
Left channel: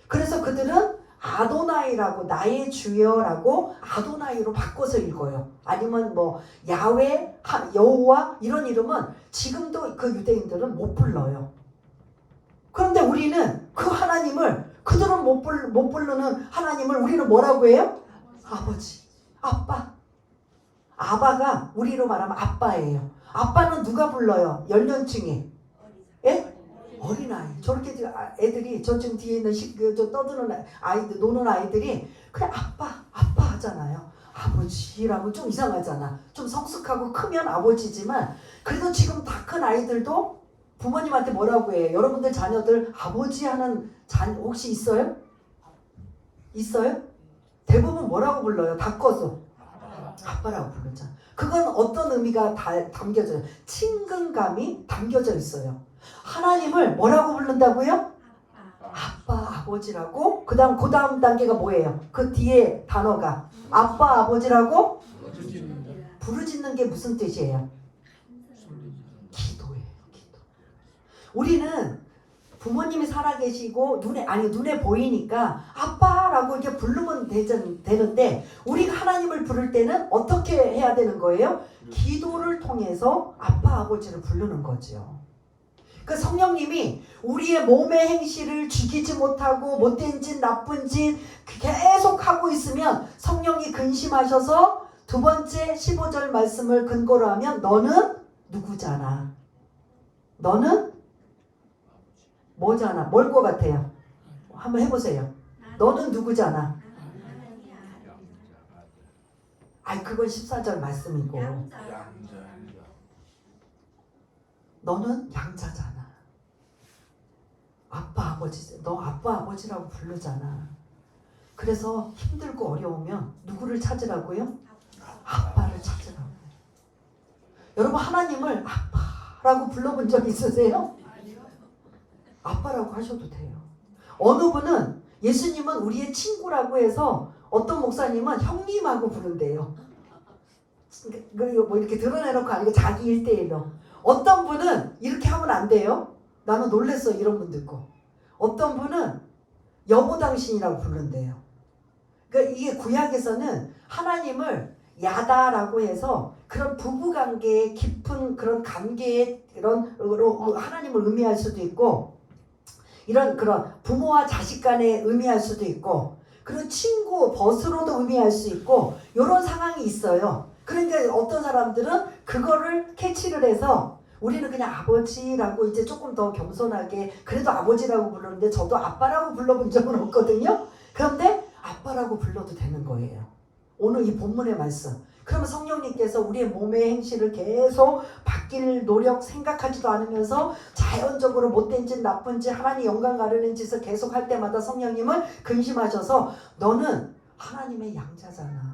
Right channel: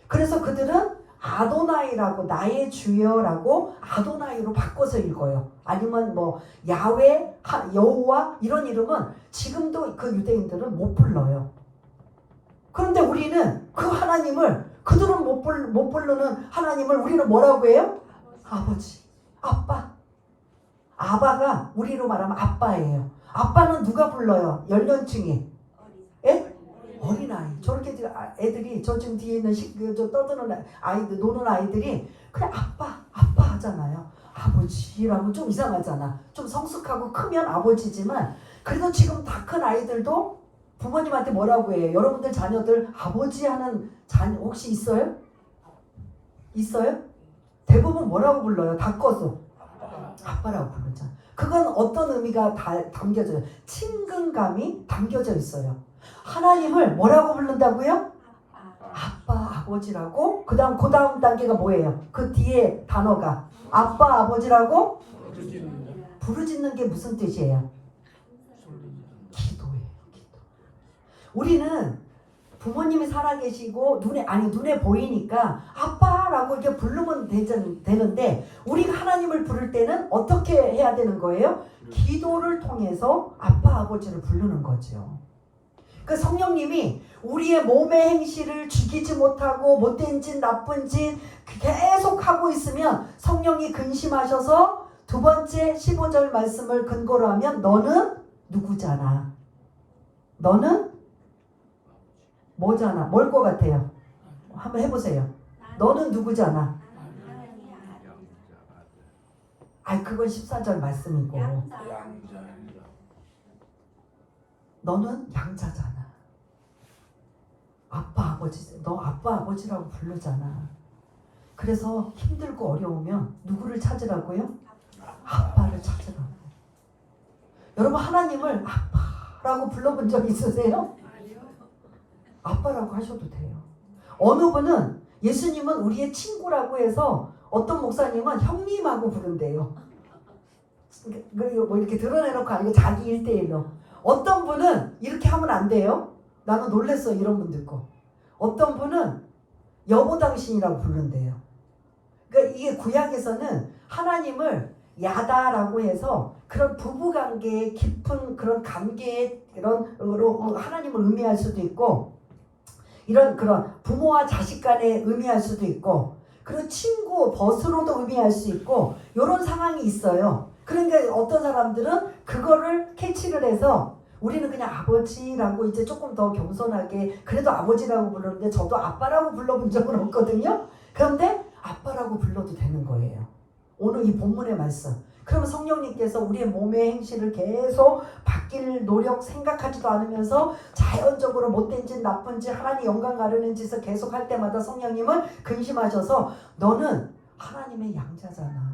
그래서 그들은 아도나이라고 나의 주여라고 아도나이로 바꿔서 읽어요. 아니면 뭐 야훼, 여호와 이런 이름은 지금도 그 유대인들은 못 불러요. 그런데 우리는 그 하나님을 그들은 못 부르는 하나님을 우리는 뭐라고 해요? 아버지, 아빠. 아바가 우리로 말하면 아빠예요. 아빠는 누가 불러요? 연령층이? 예? 어린아이. 저렇게 애들이 저 지금 뒤에 있는 저 떠드는 아이들, 노는 아이들이 그냥 아빠 하잖아요. 아버지라고 좀 이상하잖아. 좀 성숙하고 크면 아버지지만 그래도 지금 다 큰 아이들도 부모님한테 뭐라고 해요? 여러분들 자녀들 아버지 하는 자녀 혹시 있어요? 있어요? 대부분 뭐라고 불러요? 다 커서 아빠라고 부르잖아. 그건 어떤 의미가 담겨져요? 친근감이 담겨져 있어요. 하나님을 뭐라고 부른다고요? 아빠, 아버지라고. 그 다음 단계가 뭐예요? 그 뒤에 단어가 아빠, 아버지라고 부르짖는 게 무슨 뜻이에요? 기도예요. 기도. 우리는 부모님이 살아계시고 눈에 보이니까 아빠라고 이렇게 부르면 되는데 우리가 하나님을 부를 때는 어떻게 해야 되는 거예요? 기도를 통해서 아빠, 아버지를 부르는 거죠. 그 성령님이 우리의 몸의 행실을 죽이지 못하고 못된 짓, 나쁜 짓 계속 하고 있으면 성령이 근심하셔서 두 번째 15절 말씀을 근거로 하면 너는 누구잖아. 너는 뭐잖아. 뭘 것 같아요? 한번 해보세요. 너는 누구잖아. 아이 그건 14절 말씀이고 너는 양자잖아. 아빠 아버지 너 아빠 아버지라고 부르잖아. 그래서 힘들고 어려우면 누구를 찾으라고요? 아빠를 찾으라고. 여러분 하나님을 아빠라고 불러본 적 있으세요? 아빠라고 하셔도 돼요. 어느 분은 예수님은 우리의 친구라고 해서 어떤 목사님은 형님하고 부른대요. 그리고 뭐 이렇게 드러내놓고 아니고 자기 1대1로. 어떤 분은 이렇게 하면 안 돼요. 나는 놀랬어 이런 분 듣고. 어떤 분은 여보 당신이라고 부른대요. 그러니까 이게 구약에서는 하나님을 야다라고 해서 그런 부부관계의 깊은 그런 관계의 이런 하나님을 의미할 수도 있고 이런 그런 부모와 자식 간에 의미할 수도 있고 그리고 친구 벗으로도 의미할 수 있고 이런 상황이 있어요. 그러니까 어떤 사람들은 그거를 캐치를 해서 우리는 그냥 아버지라고 이제 조금 더 겸손하게 그래도 아버지라고 부르는데 저도 아빠라고 불러본 적은 없거든요. 그런데 아빠라고 불러도 되는 거예요. 오늘 이 본문의 말씀. 그러면 성령님께서 우리의 몸의 행실을 계속 바뀔 노력 생각하지도 않으면서 자연적으로 못된 짓 나쁜 짓 하나님 영광 가르는 짓을 계속 할 때마다 성령님은 근심하셔서 너는 하나님의 양자잖아.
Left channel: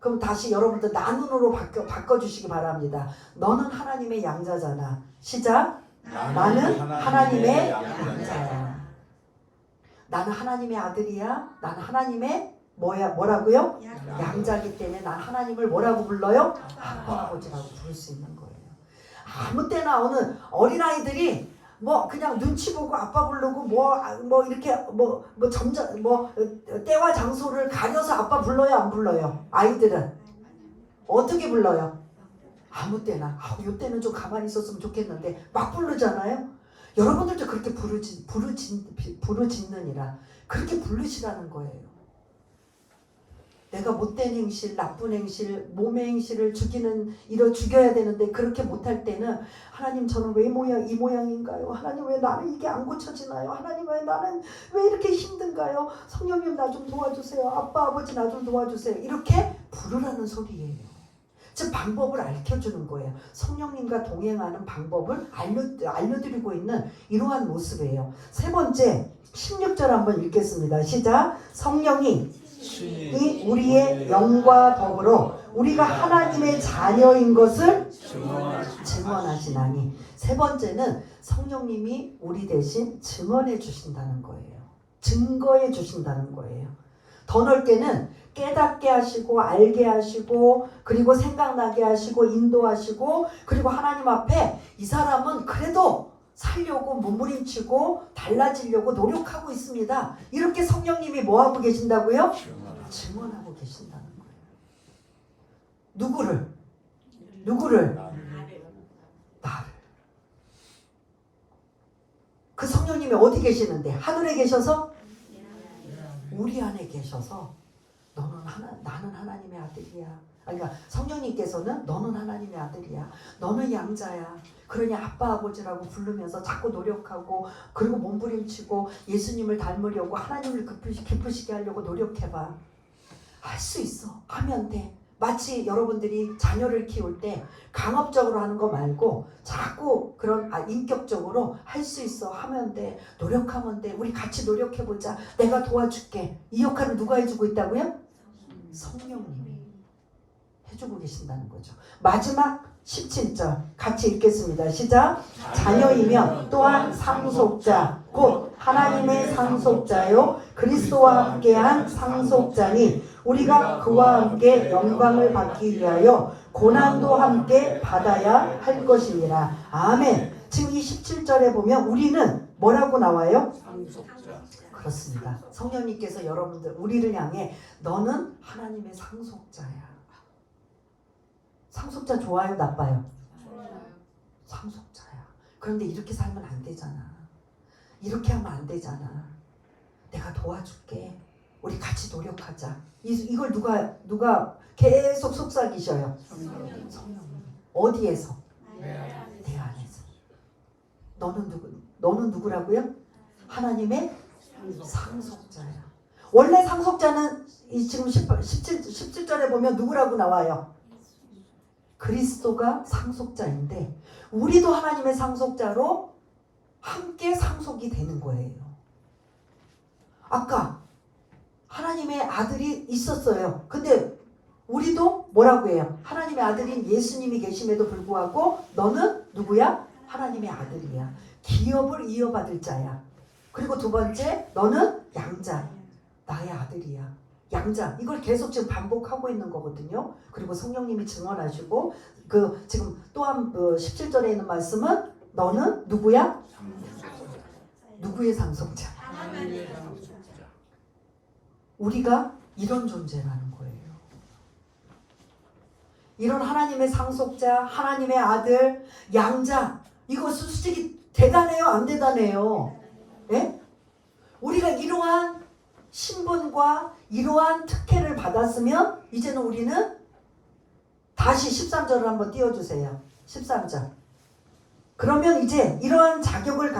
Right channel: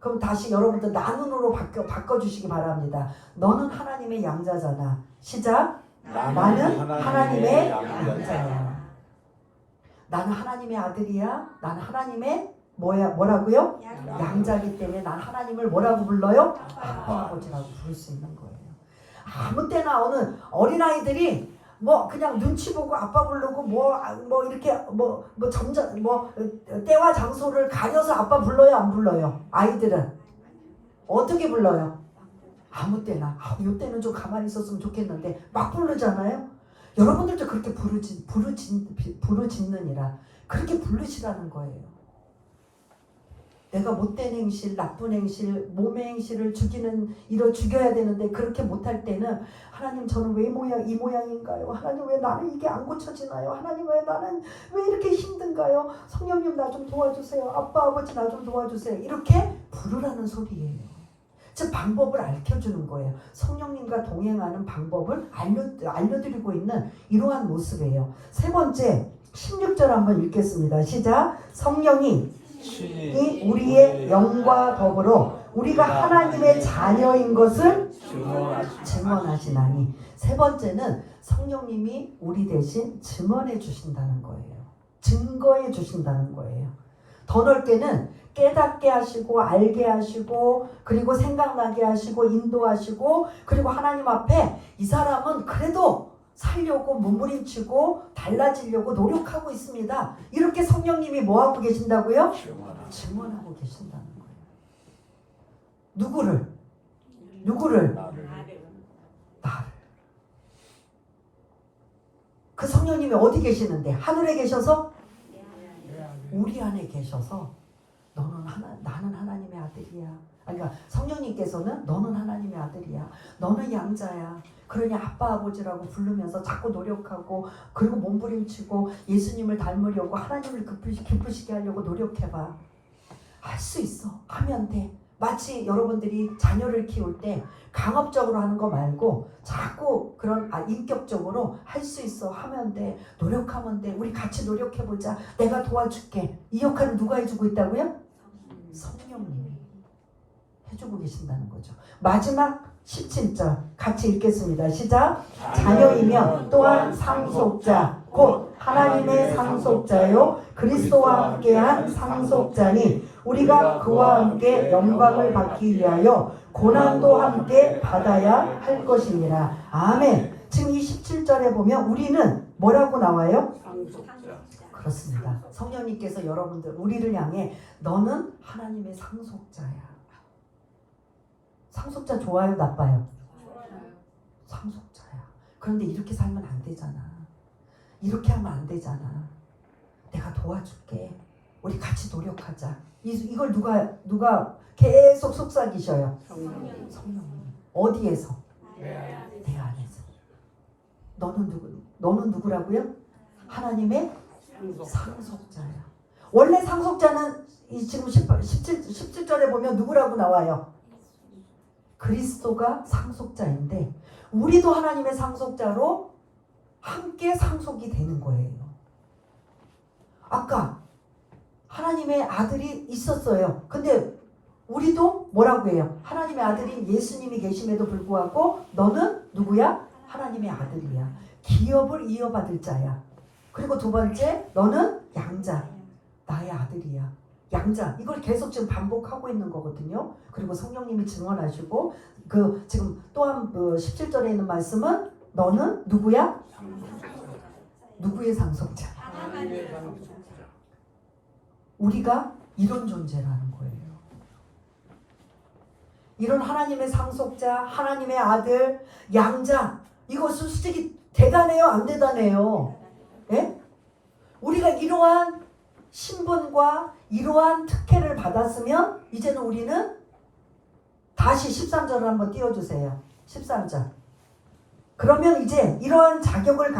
그럼 다시 여러분들 나눈으로 바꿔주시기 바랍니다. 너는 하나님의 양자잖아. 시작. 나는 하나님의 양자야. 나는 하나님의 아들이야. 나는 하나님의 뭐라고요? 양자이기 때문에 난 하나님을 뭐라고 불러요? 아빠 아버지라고 부를 수 있는 거예요. 아무 때나 어느 어린아이들이 뭐 그냥 눈치 보고 아빠 부르고 뭐 이렇게 점점 때와 장소를 가려서 아빠 불러요 안 불러요? 아이들은 어떻게 불러요? 아무 때나 이때는 좀 가만히 있었으면 좋겠는데 막 부르잖아요. 여러분들도 그렇게 부르짖느니라 그렇게 부르시라는 거예요. 내가 못된 행실, 나쁜 행실, 몸의 행실을 죽여야 되는데 그렇게 못할 때는 하나님 저는 왜 이 모양인가요? 하나님 왜 나는 이게 안 고쳐지나요? 하나님 왜 나는 왜 이렇게 힘든가요? 성령님 나 좀 도와주세요. 아빠 아버지 나 좀 도와주세요. 이렇게 부르라는 소리예요. 즉 방법을 알려주는 거예요. 성령님과 동행하는 방법을 알려드리고 있는 이러한 모습이에요. 세 번째 16절 한번 읽겠습니다. 시작. 성령이 우리의 영과 더불어 우리가 하나님의 자녀인 것을 증언하시나니. 세 번째는 성령님이 우리 대신 증언해 주신다는 거예요. 증거해 주신다는 거예요. 더 넓게는 깨닫게 하시고 알게 하시고 그리고 생각나게 하시고 인도하시고 그리고 하나님 앞에 이 사람은 그래도 살려고 몸부림치고 달라지려고 노력하고 있습니다. 이렇게 성령님이 뭐하고 계신다고요? 증언하고 계신다는 거예요. 누구를? 나를. 그 성령님이 어디 계시는데? 하늘에 계셔서? 우리 안에 계셔서 나는 하나님의 아들이야. 그러니까 성령님께서는 너는 하나님의 아들이야. 너는 양자야. 그러니 아빠 아버지라고 부르면서 자꾸 노력하고 그리고 몸부림치고 예수님을 닮으려고 하나님을 기쁘시게 하려고 노력해봐. 할 수 있어. 하면 돼. 마치 여러분들이 자녀를 키울 때 강압적으로 하는 거 말고 자꾸 그런 인격적으로 할 수 있어. 하면 돼. 노력하면 돼. 우리 같이 노력해보자. 내가 도와줄게. 이 역할을 누가 해주고 있다고요? 성령님이 해주고 계신다는 거죠. 마지막 17절 같이 읽겠습니다. 시작. 자녀이면 또한 상속자 곧 하나님의 상속자요 그리스도와 함께한 상속자니 우리가 그와 함께 영광을 받기 위하여 고난도 함께 받아야 할 것이니라. 아멘. 지금 이 17절에 보면 우리는 뭐라고 나와요? 상속자. 그렇습니다. 성령님께서 여러분들 우리를 향해 너는 하나님의 상속자야. 상속자 좋아요, 나빠요? 좋아요. 상속자야. 그런데 이렇게 살면 안 되잖아. 이렇게 하면 안 되잖아. 내가 도와줄게. 우리 같이 노력하자. 이걸 누가 계속 속삭이셔요? 성령님. 어디에서? 내 안에서. 너는 누구라고요? 하나님의 상속자야. 원래 상속자는 지금 17절에 보면 누구라고 나와요? 그리스도가 상속자인데 우리도 하나님의 상속자로 함께 상속이 되는 거예요. 아까 하나님의 아들이 있었어요. 근데 우리도 뭐라고 해요? 하나님의 아들인 예수님이 계심에도 불구하고 너는 누구야? 하나님의 아들이야. 기업을 이어받을 자야. 그리고 두 번째, 너는 양자. 나의 아들이야. 양자. 이걸 계속 지금 반복하고 있는 거거든요. 그리고 성령님이 증언하시고 지금 또한 17절에 있는 말씀은 너는 누구야? 누구의 상속자? 우리가 이런 존재라는 거예요. 이런 하나님의 상속자, 하나님의 아들, 양자. 이것은 솔직히 대단해요? 안 대단해요? 예? 우리가 이러한 신분과 이러한 특혜를 받았으면 이제는 우리는 다시 13절을 한번 띄워주세요. 13절. 그러면 이제 이러한 자격을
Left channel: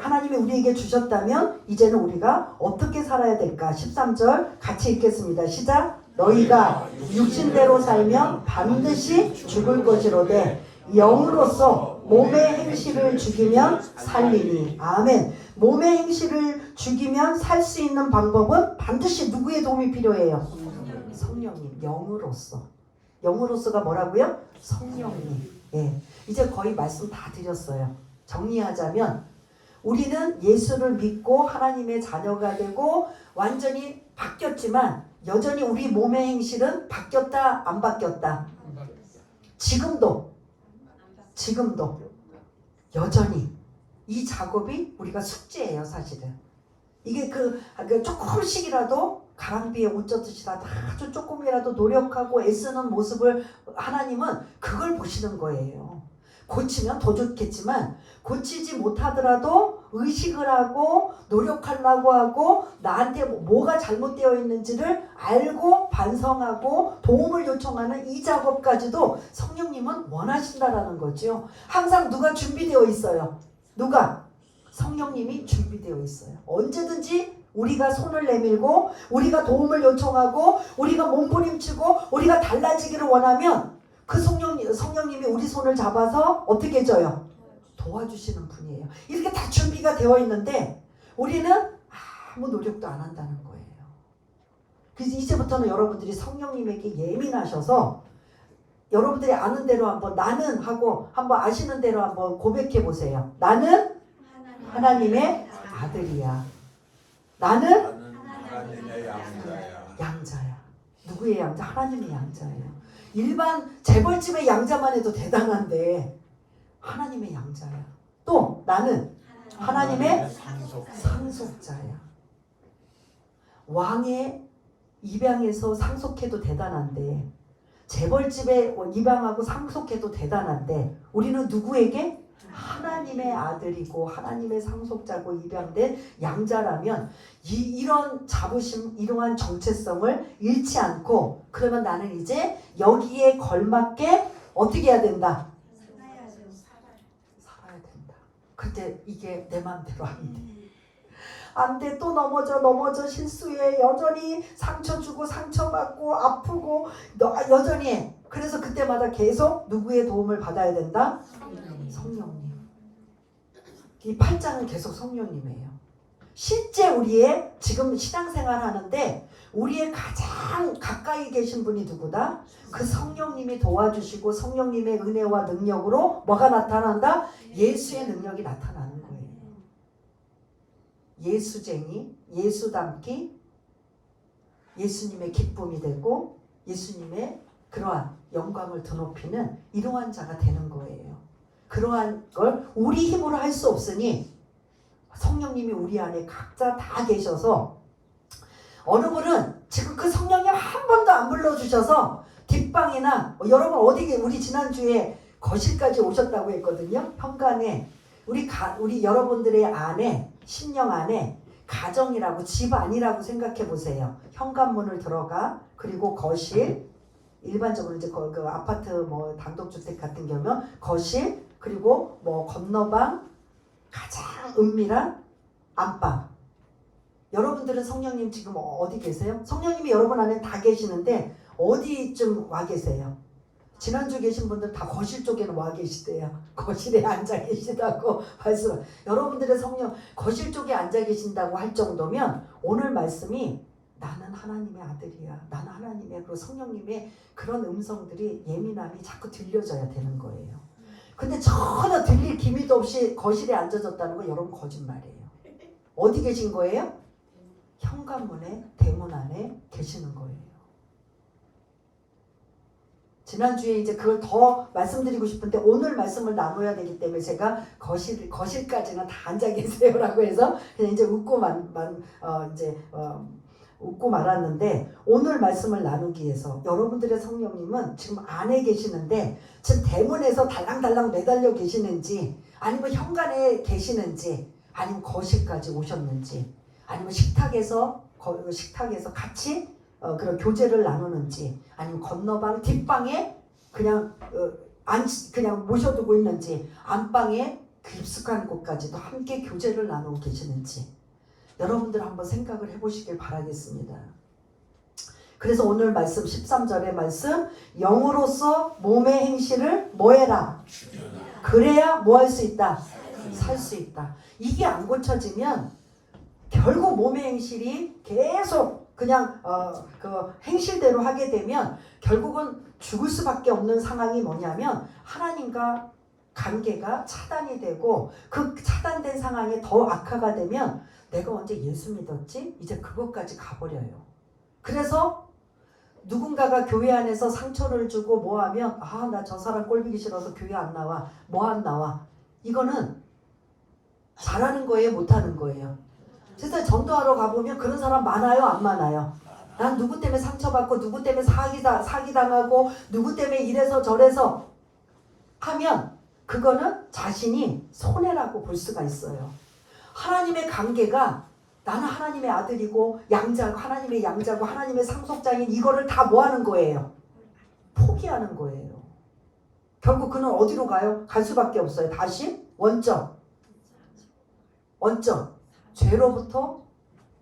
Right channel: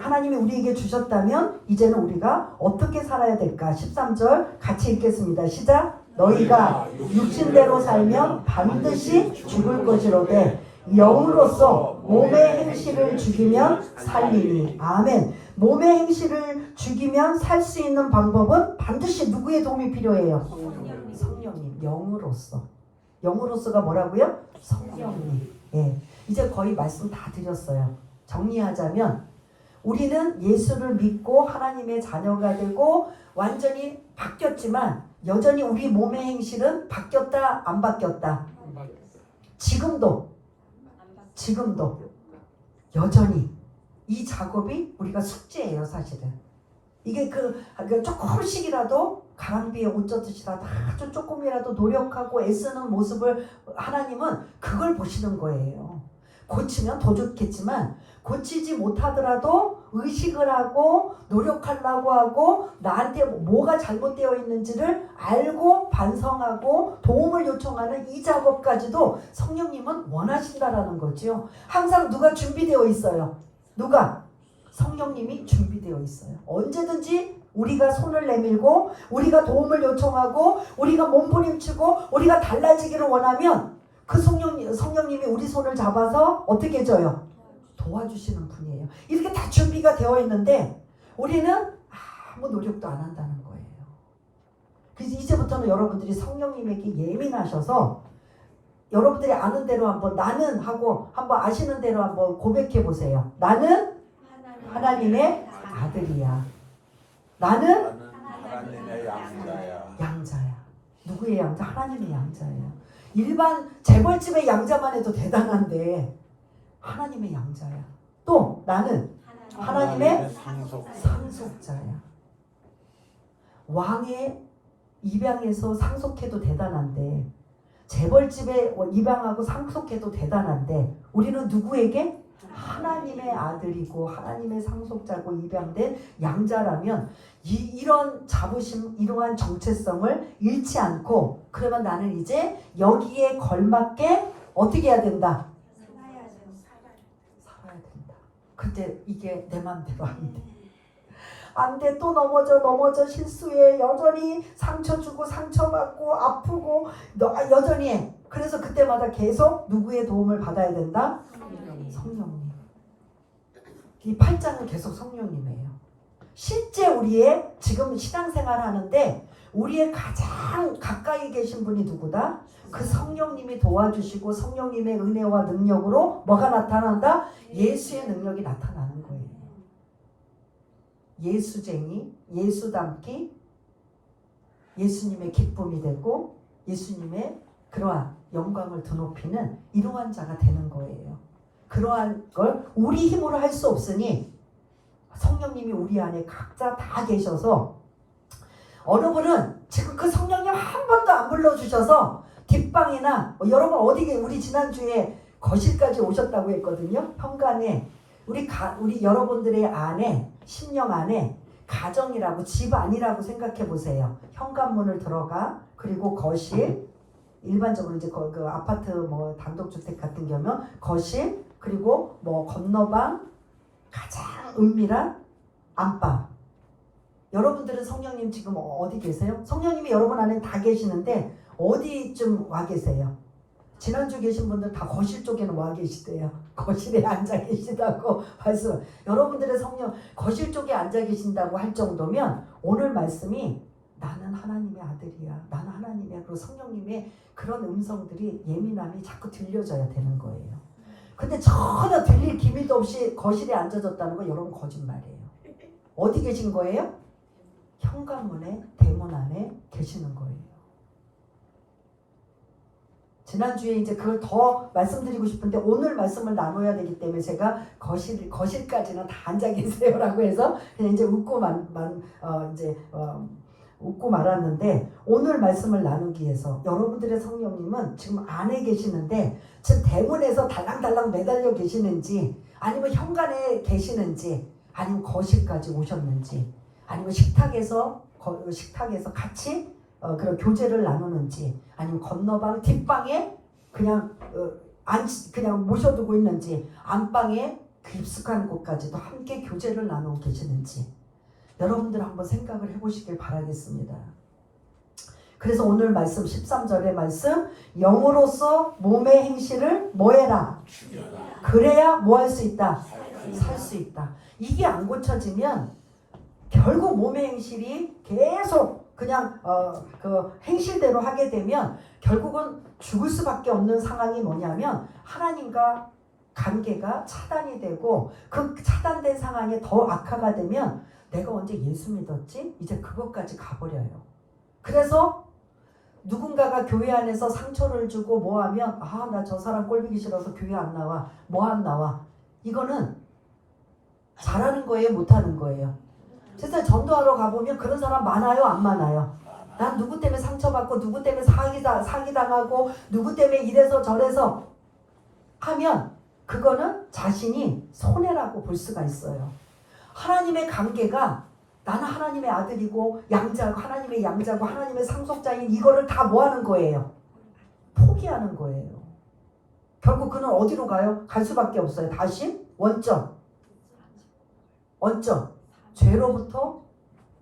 하나님이 우리에게 주셨다면 이제는 우리가 어떻게 살아야 될까? 13절 같이 읽겠습니다. 시작. 너희가 육신대로 살면 반드시 죽을 것이로되 영으로서 몸의 행실을 죽이면 살리니. 아멘. 몸의 행실을 죽이면 살 수 있는 방법은 반드시 누구의 도움이 필요해요? 성령님. 영으로서가 뭐라고요? 성령님. 예. 이제 거의 말씀 다 드렸어요. 정리하자면 우리는 예수를 믿고 하나님의 자녀가 되고 완전히 바뀌었지만 여전히 우리 몸의 행실은 바뀌었다 안 바뀌었다? 지금도 여전히 이 작업이 우리가 숙제예요. 사실은 이게 조금씩이라도 가랑비에 옷 젖듯이라도 아주 조금이라도 노력하고 애쓰는 모습을 하나님은 그걸 보시는 거예요. 고치면 더 좋겠지만 고치지 못하더라도 의식을 하고 노력하려고 하고 나한테 뭐가 잘못되어 있는지를 알고 반성하고 도움을 요청하는 이 작업까지도 성령님은 원하신다라는 거죠. 항상 누가 준비되어 있어요? 누가? 성령님이 준비되어 있어요. 언제든지 우리가 손을 내밀고 우리가 도움을 요청하고 우리가 몸부림치고 우리가 달라지기를 원하면 그 성령님이 우리 손을 잡아서 어떻게 해줘요? 도와주시는 분이에요. 이렇게 다 준비가 되어 있는데 우리는 아무 노력도 안 한다는 거예요. 그래서 이제부터는 여러분들이 성령님에게 예민하셔서 여러분들이 아는 대로 한번 나는 하고 한번 아시는 대로 한번 고백해 보세요. 나는 하나님의 아들이야. 나는 양자야. 누구의 양자? 하나님의 양자예요. 일반 재벌집의 양자만 해도 대단한데 하나님의 양자야. 또 나는 하나님의 상속자야. 왕의 입양해서 상속해도 대단한데 재벌집에 입양하고 상속해도 대단한데 우리는 누구에게? 하나님의 아들이고 하나님의 상속자고 입양된 양자라면 이런 자부심, 이러한 정체성을 잃지 않고 그러면 나는 이제 여기에 걸맞게 어떻게 해야 된다? 살아야 된다. 그때 이게 내 맘대로 안 돼. 안 돼. 또 넘어져 실수해. 여전히 상처 주고 상처받고 아프고 여전히 해. 그래서 그때마다 계속 누구의 도움을 받아야 된다? 성령님. 이 8장은 계속 성령님이에요. 실제 우리의 지금 신앙생활 하는데 우리의 가장 가까이 계신 분이 누구다? 그 성령님이 도와주시고 성령님의 은혜와 능력으로 뭐가 나타난다? 예수의 능력이 나타나는 거예요. 예수쟁이, 예수 닮기, 예수님의 기쁨이 되고 예수님의 그러한 영광을 드높이는 이러한 자가 되는 거예요. 그러한 걸 우리 힘으로 할 수 없으니 성령님이 우리 안에 각자 다 계셔서 어느 분은 지금 그 성령님 한 번도 안 불러주셔서 뒷방이나 여러분 어디에 우리 지난주에 거실까지 오셨다고 했거든요. 현관에 우리 여러분들의 안에 심령 안에 가정이라고 집 안이라고 생각해 보세요. 현관문을 들어가 그리고 거실 일반적으로 이제 그 아파트 뭐 단독주택 같은 경우는 거실 그리고 뭐 건너방 가장 은밀한 안방. 여러분들은 성령님 지금 어디 계세요? 성령님이 여러분 안에 다 계시는데 어디쯤 와 계세요? 지난주 계신 분들 다 거실 쪽에는 와 계시대요. 거실에 앉아 계시다고 말씀. 여러분들의 성령 거실 쪽에 앉아 계신다고 할 정도면 오늘 말씀이 나는 하나님의 아들이야. 나는 하나님의 그 성령님의 그런 음성들이 예민함이 자꾸 들려져야 되는 거예요. 근데 전혀 들릴 기미도 없이 거실에 앉아졌다는 건 여러분 거짓말이에요. 어디 계신 거예요? 현관문에 대문 안에 계시는 거예요. 지난주에 이제 그걸 더 말씀드리고 싶은데 오늘 말씀을 나눠야 되기 때문에 제가 거실까지는 다 앉아 계세요라고 해서 그냥 이제 웃고 말았는데 오늘 말씀을 나누기 위해서 여러분들의 성령님은 지금 안에 계시는데 지금 대문에서 달랑달랑 매달려 계시는지 아니면 현관에 계시는지 아니면 거실까지 오셨는지 아니면 식탁에서 같이 그런 교제를 나누는지 아니면 건너방 뒷방에 그냥 모셔두고 있는지 안방에 깊숙한 곳까지도 함께 교제를 나누고 계시는지 여러분들 한번 생각을 해보시길 바라겠습니다. 그래서 오늘 말씀 13절의 말씀 영으로서 몸의 행실을 뭐해라? 그래야 뭐 할 수 있다? 살 수 있다. 이게 안 고쳐지면 결국 몸의 행실이 계속 그냥 그 행실대로 하게 되면 결국은 죽을 수밖에 없는 상황이 뭐냐면 하나님과 관계가 차단이 되고 그 차단된 상황에 더 악화가 되면 내가 언제 예수 믿었지? 이제 그것까지 가버려요. 그래서 누군가가 교회 안에서 상처를 주고 뭐하면 나 저 사람 꼴보기 싫어서 교회 안 나와. 뭐 안 나와. 이거는 잘하는 거예요? 못하는 거예요? 세상 전도하러 가보면 그런 사람 많아요? 안 많아요? 난 누구 때문에 상처받고 누구 때문에 사기당하고 누구 때문에 이래서 저래서 하면 그거는 자신이 손해라고 볼 수가 있어요. 하나님의 관계가 나는 하나님의 아들이고 하나님의 양자고 하나님의 상속자인 이거를 다 뭐 하는 거예요? 포기하는 거예요. 결국 그는 어디로 가요? 갈 수밖에 없어요. 다시 원점 죄로부터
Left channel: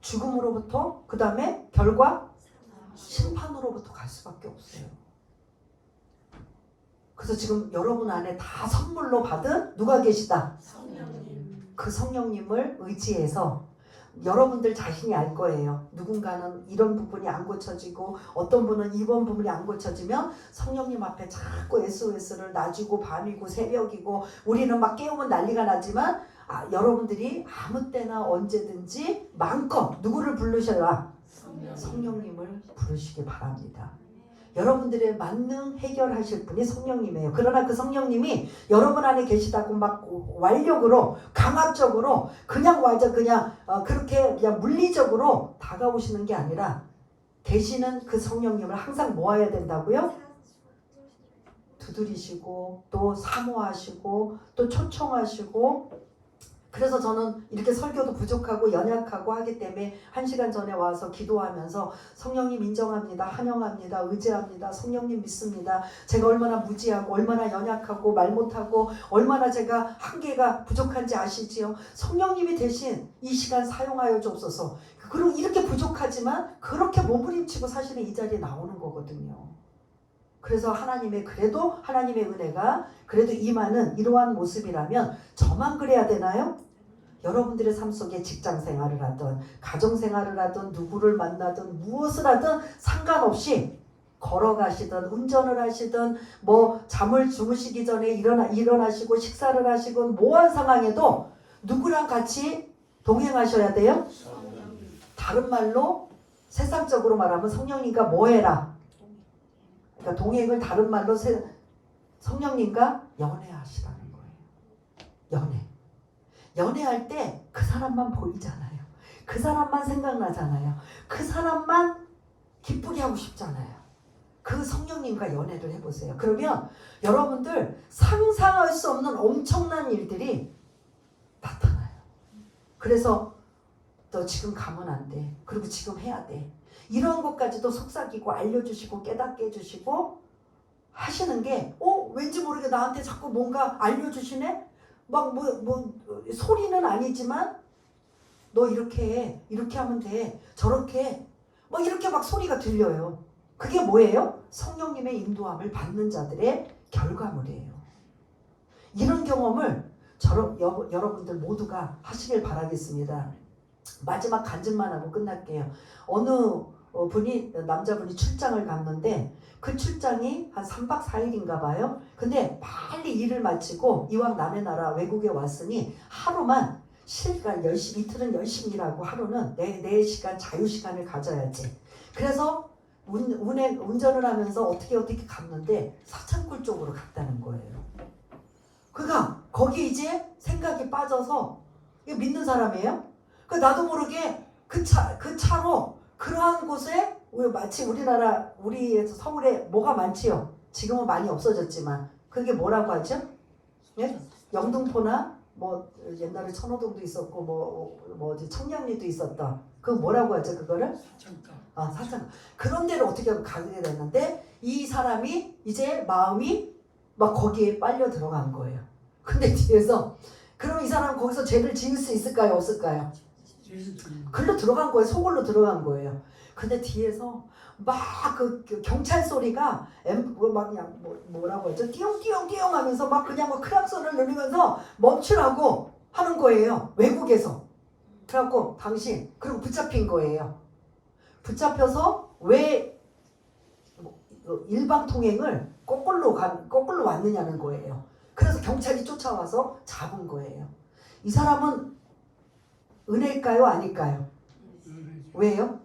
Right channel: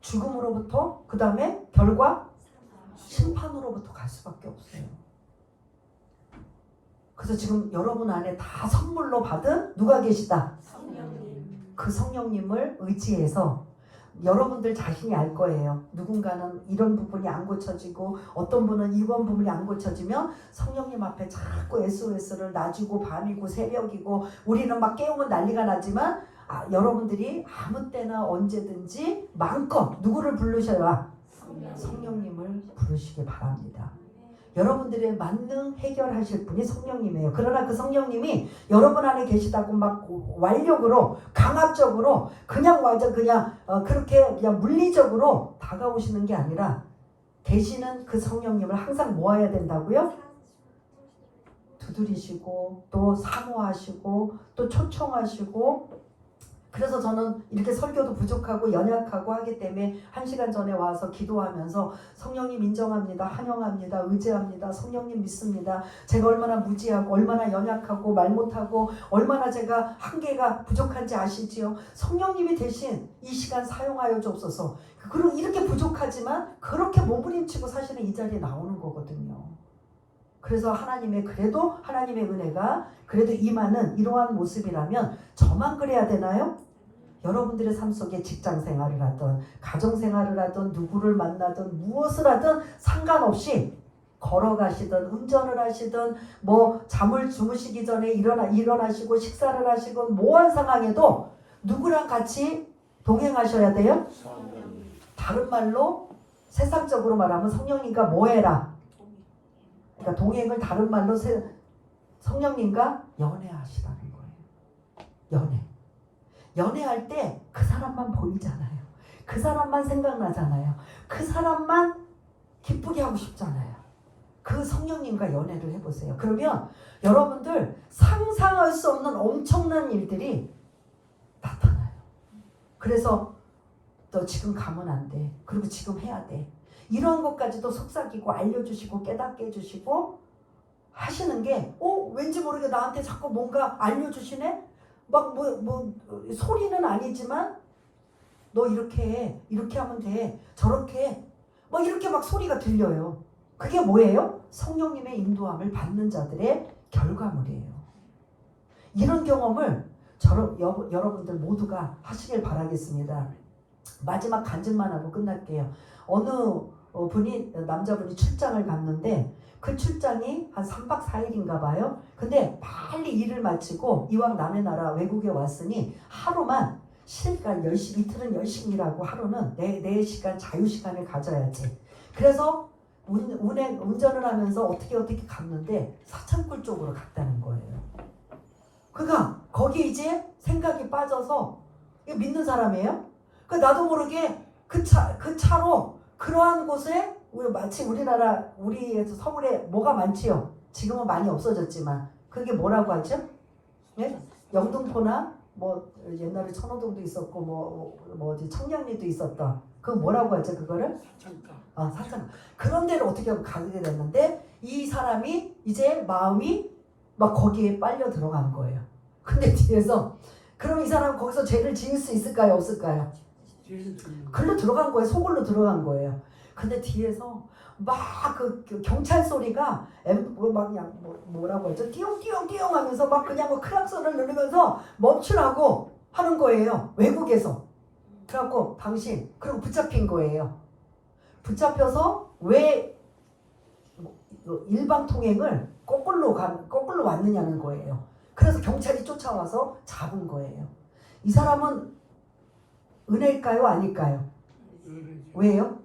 죽음으로부터 그 다음에 결과 심판으로부터 갈 수밖에 없어요. 그래서 지금 여러분 안에 다 선물로 받은 누가 계시다? 성령님. 그 성령님을 의지해서 여러분들 자신이 알 거예요. 누군가는 이런 부분이 안 고쳐지고 어떤 분은 이번 부분이 안 고쳐지면 성령님 앞에 자꾸 SOS를 낮이고 밤이고 새벽이고 우리는 막 깨우면 난리가 나지만 여러분들이 아무 때나 언제든지 마음껏 누구를 부르셔라? 성령님을 부르시기 바랍니다. 여러분들의 만능 해결하실 분이 성령님이에요. 그러나 그 성령님이 여러분 안에 계시다고 막 완력으로 강압적으로 그냥 완전 그냥 그렇게 그냥 물리적으로 다가오시는 게 아니라 계시는 그 성령님을 항상 모아야 된다고요? 두드리시고 또 사모하시고 또 초청하시고. 그래서 저는 이렇게 설교도 부족하고 연약하고 하기 때문에 1시간 전에 와서 기도하면서 성령님 인정합니다. 환영합니다. 의지합니다. 성령님 믿습니다. 제가 얼마나 무지하고 얼마나 연약하고 말 못하고 얼마나 제가 한계가 부족한지 아시지요? 성령님이 대신 이 시간 사용하여 주옵소서. 그리고 이렇게 부족하지만 그렇게 몸부림치고 사실은 이 자리에 나오는 거거든요. 그래서 그래도 하나님의 은혜가 그래도 임하는 이러한 모습이라면 저만 그래야 되나요? 여러분들의 삶 속에 직장 생활을 하든 가정 생활을 하든 누구를 만나든 무엇을 하든 상관없이 걸어가시든 운전을 하시든 뭐 잠을 주무시기 전에 일어나시고 식사를 하시건 뭐한 상황에도 누구랑 같이 동행하셔야 돼요? 다른 말로 세상적으로 말하면 성령님과 뭐 해라? 그러니까 동행을 다른 말로 성령님과 연애하시라는 거예요. 연애할 때 그 사람만 보이잖아요. 그 사람만 생각나잖아요. 그 사람만 기쁘게 하고 싶잖아요. 그 성령님과 연애를 해보세요. 그러면 여러분들 상상할 수 없는 엄청난 일들이 나타나요. 그래서 너 지금 가면 안 돼. 그리고 지금 해야 돼. 이런 것까지도 속삭이고 알려주시고 깨닫게 해주시고 하시는 게 왠지 모르게 나한테 자꾸 뭔가 알려주시네? 막 소리는 아니지만 너 이렇게 하면 돼. 저렇게 막 이렇게 막 소리가 들려요. 그게 뭐예요? 성령님의 인도함을 받는 자들의 결과물이에요. 이런 경험을 여러분들 모두가 하시길 바라겠습니다. 마지막 간증만 하고 끝날게요. 어느 남자분이 출장을 갔는데 그 출장이 한 3박 4일인가 봐요. 근데 빨리 일을 마치고 이왕 남의 나라 외국에 왔으니 하루만 이틀은 열심히 일하고 하루는 내 시간 자유시간을 가져야지. 그래서 운전을 하면서 어떻게 갔는데 사창굴 쪽으로 갔다는 거예요. 그가 거기 이제 생각이 빠져서 이거 믿는 사람이에요? 나도 모르게 그 차로 그러한 곳에 마치 우리 서울에 뭐가 많지요? 지금은 많이 없어졌지만 그게 뭐라고 하죠? 예? 영등포나 뭐 옛날에 천호동도 있었고 뭐지 청량리도 있었던 그거 뭐라고 하죠? 그거를? 사창. 그런 데를 어떻게 하고 가게 됐는데 이 사람이 이제 마음이 막 거기에 빨려 들어간 거예요. 근데 뒤에서 그럼 이 사람 거기서 죄를 지을 수 있을까요? 없을까요? 글로 들어간 거예요. 속으로 들어간 거예요. 근데 뒤에서 막 그 경찰 소리가 뭐라고 하죠? 띠용띠용 하면서 막 그냥 크락소를 누르면서 멈추라고 하는 거예요. 외국에서. 그래갖고 그리고 붙잡힌 거예요. 붙잡혀서 왜 일방 통행을 거꾸로 왔느냐는 거예요. 그래서 경찰이 쫓아와서 잡은 거예요. 이 사람은 은혜일까요? 아닐까요? 왜요?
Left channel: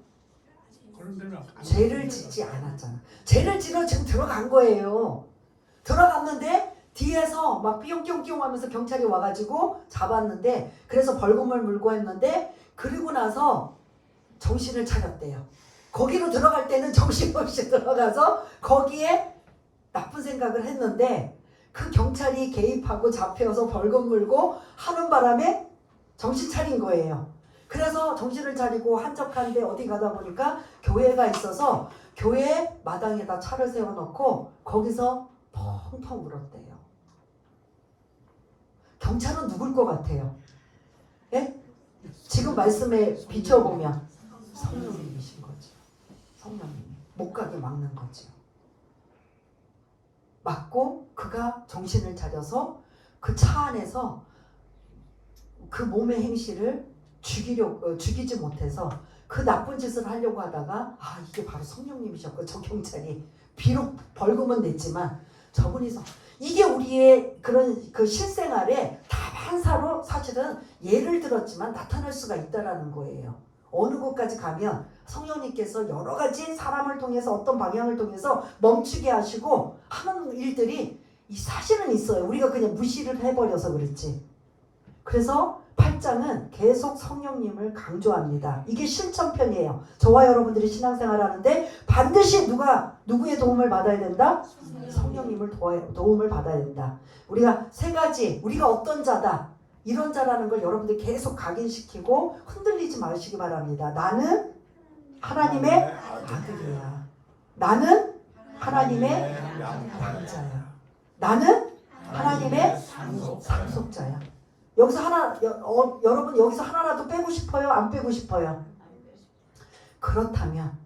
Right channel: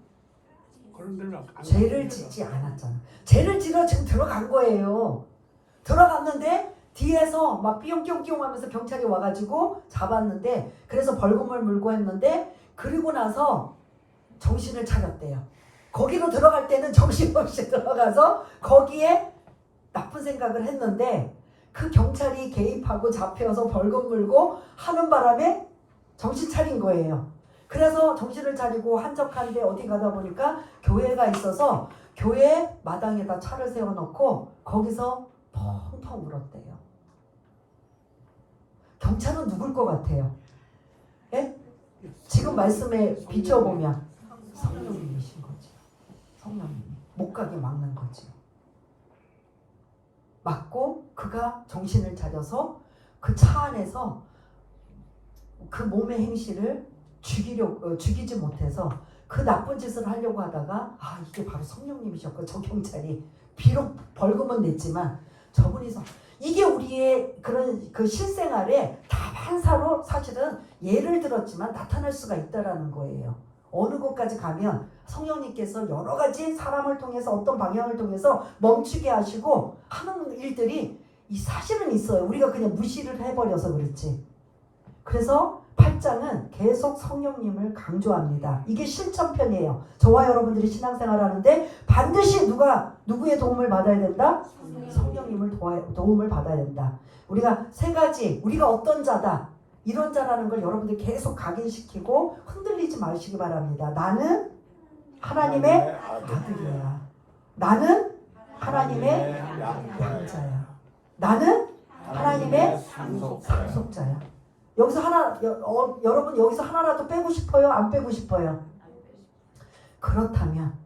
죄를 짓지 않았잖아. 죄를 지러 지금 들어간 거예요. 들어갔는데 뒤에서 막 삐용삐용삐용 하면서 경찰이 와가지고 잡았는데 그래서 벌금을 물고 했는데 그리고 나서 정신을 차렸대요. 거기로 들어갈 때는 정신없이 들어가서 거기에 나쁜 생각을 했는데 그 경찰이 개입하고 잡혀서 벌금 물고 하는 바람에 정신 차린 거예요. 그래서 정신을 차리고 한적한데 어디 가다 보니까 교회가 있어서 교회 마당에다 차를 세워놓고 거기서 펑펑 울었대요. 경찰은 누굴 것 같아요? 예? 지금 지금 말씀에 비춰보면 성령님이신 거지. 성령님 못 가게 막는 거지. 막고 그가 정신을 차려서 그 차 안에서 그 몸의 행실을 죽이지 못해서 그 나쁜 짓을 하려고 하다가 이게 바로 성령님이셨고, 저 경찰이 비록 벌금은 냈지만 저분이서 이게 우리의 그런 그 실생활에 다반사로 사실은 예를 들었지만 나타날 수가 있다라는 거예요. 어느 곳까지 가면 성령님께서 여러 가지 사람을 통해서 어떤 방향을 통해서 멈추게 하시고 하는 일들이 사실은 있어요. 우리가 그냥 무시를 해버려서 그렇지. 그래서 8장은 계속 성령님을 강조합니다. 이게 실천편이에요. 저와 여러분들이 신앙생활 하는데 반드시 누구의 도움을 받아야 된다? 성령님을 도움을 받아야 된다. 우리가 세 가지, 우리가 어떤 자다, 이런 자라는 걸 여러분들 계속 각인시키고 흔들리지 마시기 바랍니다. 나는 하나님의 아들이야. 나는 하나님의 양자야. 나는 하나님의 상속자야. 여기서 여러분 여기서 하나라도 빼고 싶어요? 안 빼고 싶어요? 그렇다면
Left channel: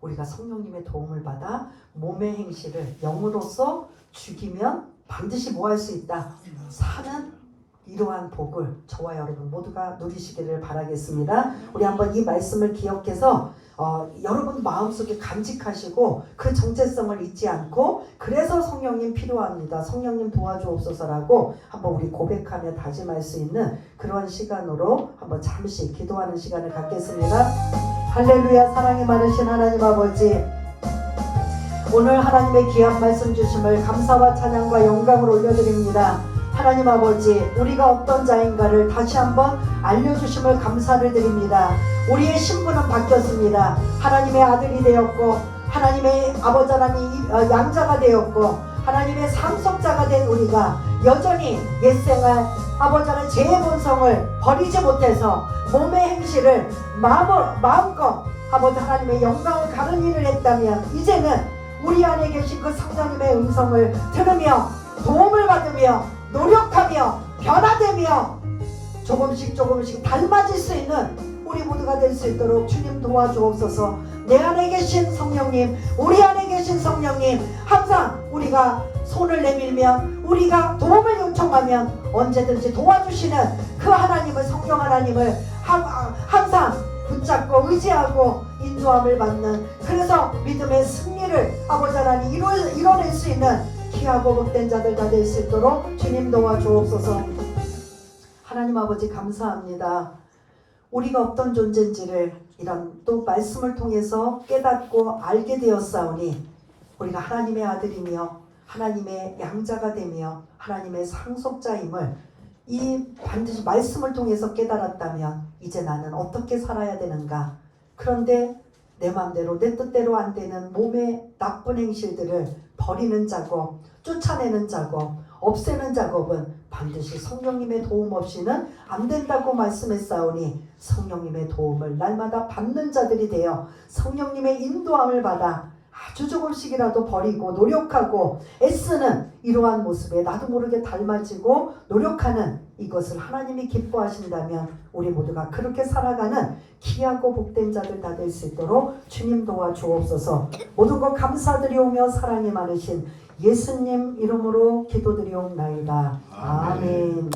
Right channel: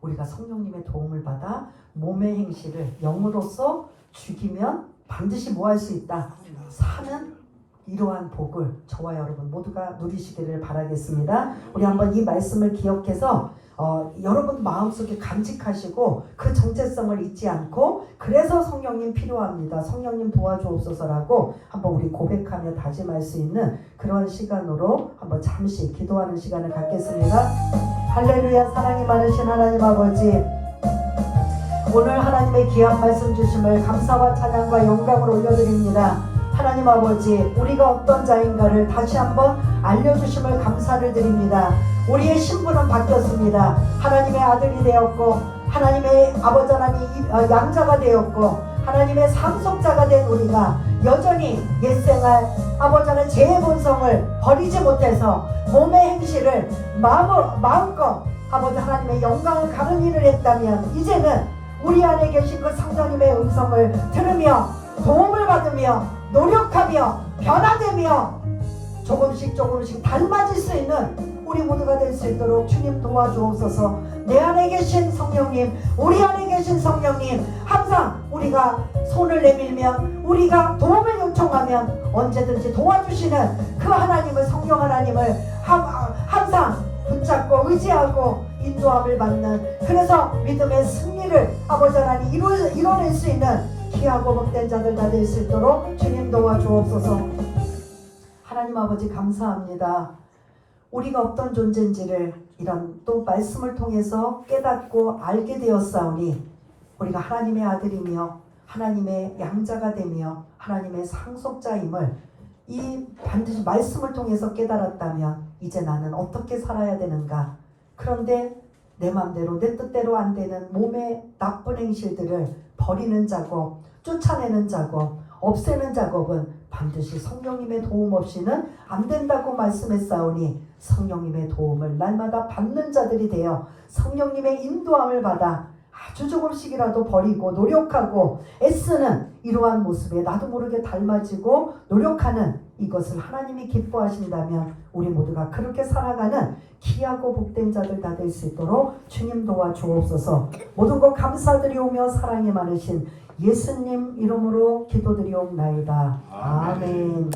우리가 성령님의 도움을 받아 몸의 행실을 영으로서 죽이면 반드시 뭐 할 수 있다? 사는 이러한 복을 저와 여러분 모두가 누리시기를 바라겠습니다. 우리 한번 이 말씀을 기억해서 여러분 마음속에 간직하시고 그 정체성을 잊지 않고, 그래서 성령님 필요합니다, 성령님 도와주옵소서라고 한번 우리 고백하며 다짐할 수 있는 그런 시간으로 한번 잠시 기도하는 시간을 갖겠습니다. 할렐루야. 사랑이 많으신 하나님 아버지, 오늘 하나님의 귀한 말씀 주심을 감사와 찬양과 영광을 올려드립니다. 하나님 아버지, 우리가 어떤 자인가를 다시 한번 알려주심을 감사를 드립니다. 우리의 신분은 바뀌었습니다. 하나님의 아들이 되었고, 하나님의 아버지 하나님 양자가 되었고, 하나님의 상속자가 된 우리가 여전히 옛생활 아버지 하나님 죄의 본성을 버리지 못해서 몸의 행실을 마음껏 아버지 하나님의 영광을 가는 일을 했다면, 이제는 우리 안에 계신 그 성령님의 음성을 들으며 도움을 받으며 노력하며 변화되며 조금씩 닮아질 수 있는 우리 모두가 될 수 있도록 주님 도와주옵소서. 내 안에 계신 성령님, 우리 안에 계신 성령님, 항상 우리가 손을 내밀면, 우리가 도움을 요청하면 언제든지 도와주시는 그 하나님을, 성령 하나님을 항상 붙잡고 의지하고 인도함을 받는, 그래서 믿음의 승리를 아버지 하나님 이뤄낼 수 있는 귀하고 복된 자들 다 될 수 있도록 주님 도와주옵소서. 하나님 아버지 감사합니다. 우리가 어떤 존재인지를 이런 또 말씀을 통해서 깨닫고 알게 되었사오니, 우리가 하나님의 아들이며 하나님의 양자가 되며 하나님의 상속자임을 이 반드시 말씀을 통해서 깨달았다면 이제 나는 어떻게 살아야 되는가. 그런데 내 마음대로 내 뜻대로 안 되는 몸의 나쁜 행실들을 버리는 작업, 쫓아내는 작업, 없애는 작업은 반드시 성령님의 도움 없이는 안 된다고 말씀했사오니, 성령님의 도움을 날마다 받는 자들이 되어 성령님의 인도함을 받아 아주 조금씩이라도 버리고 노력하고 애쓰는 이러한 모습에 나도 모르게 닮아지고 노력하는 이것을 하나님이 기뻐하신다면 우리 모두가 그렇게 살아가는 귀하고 복된 자들 다 될 수 있도록 주님 도와주옵소서. 모든 것 감사드리오며 사랑이 많으신 예수님 이름으로 기도드리옵나이다. 아멘.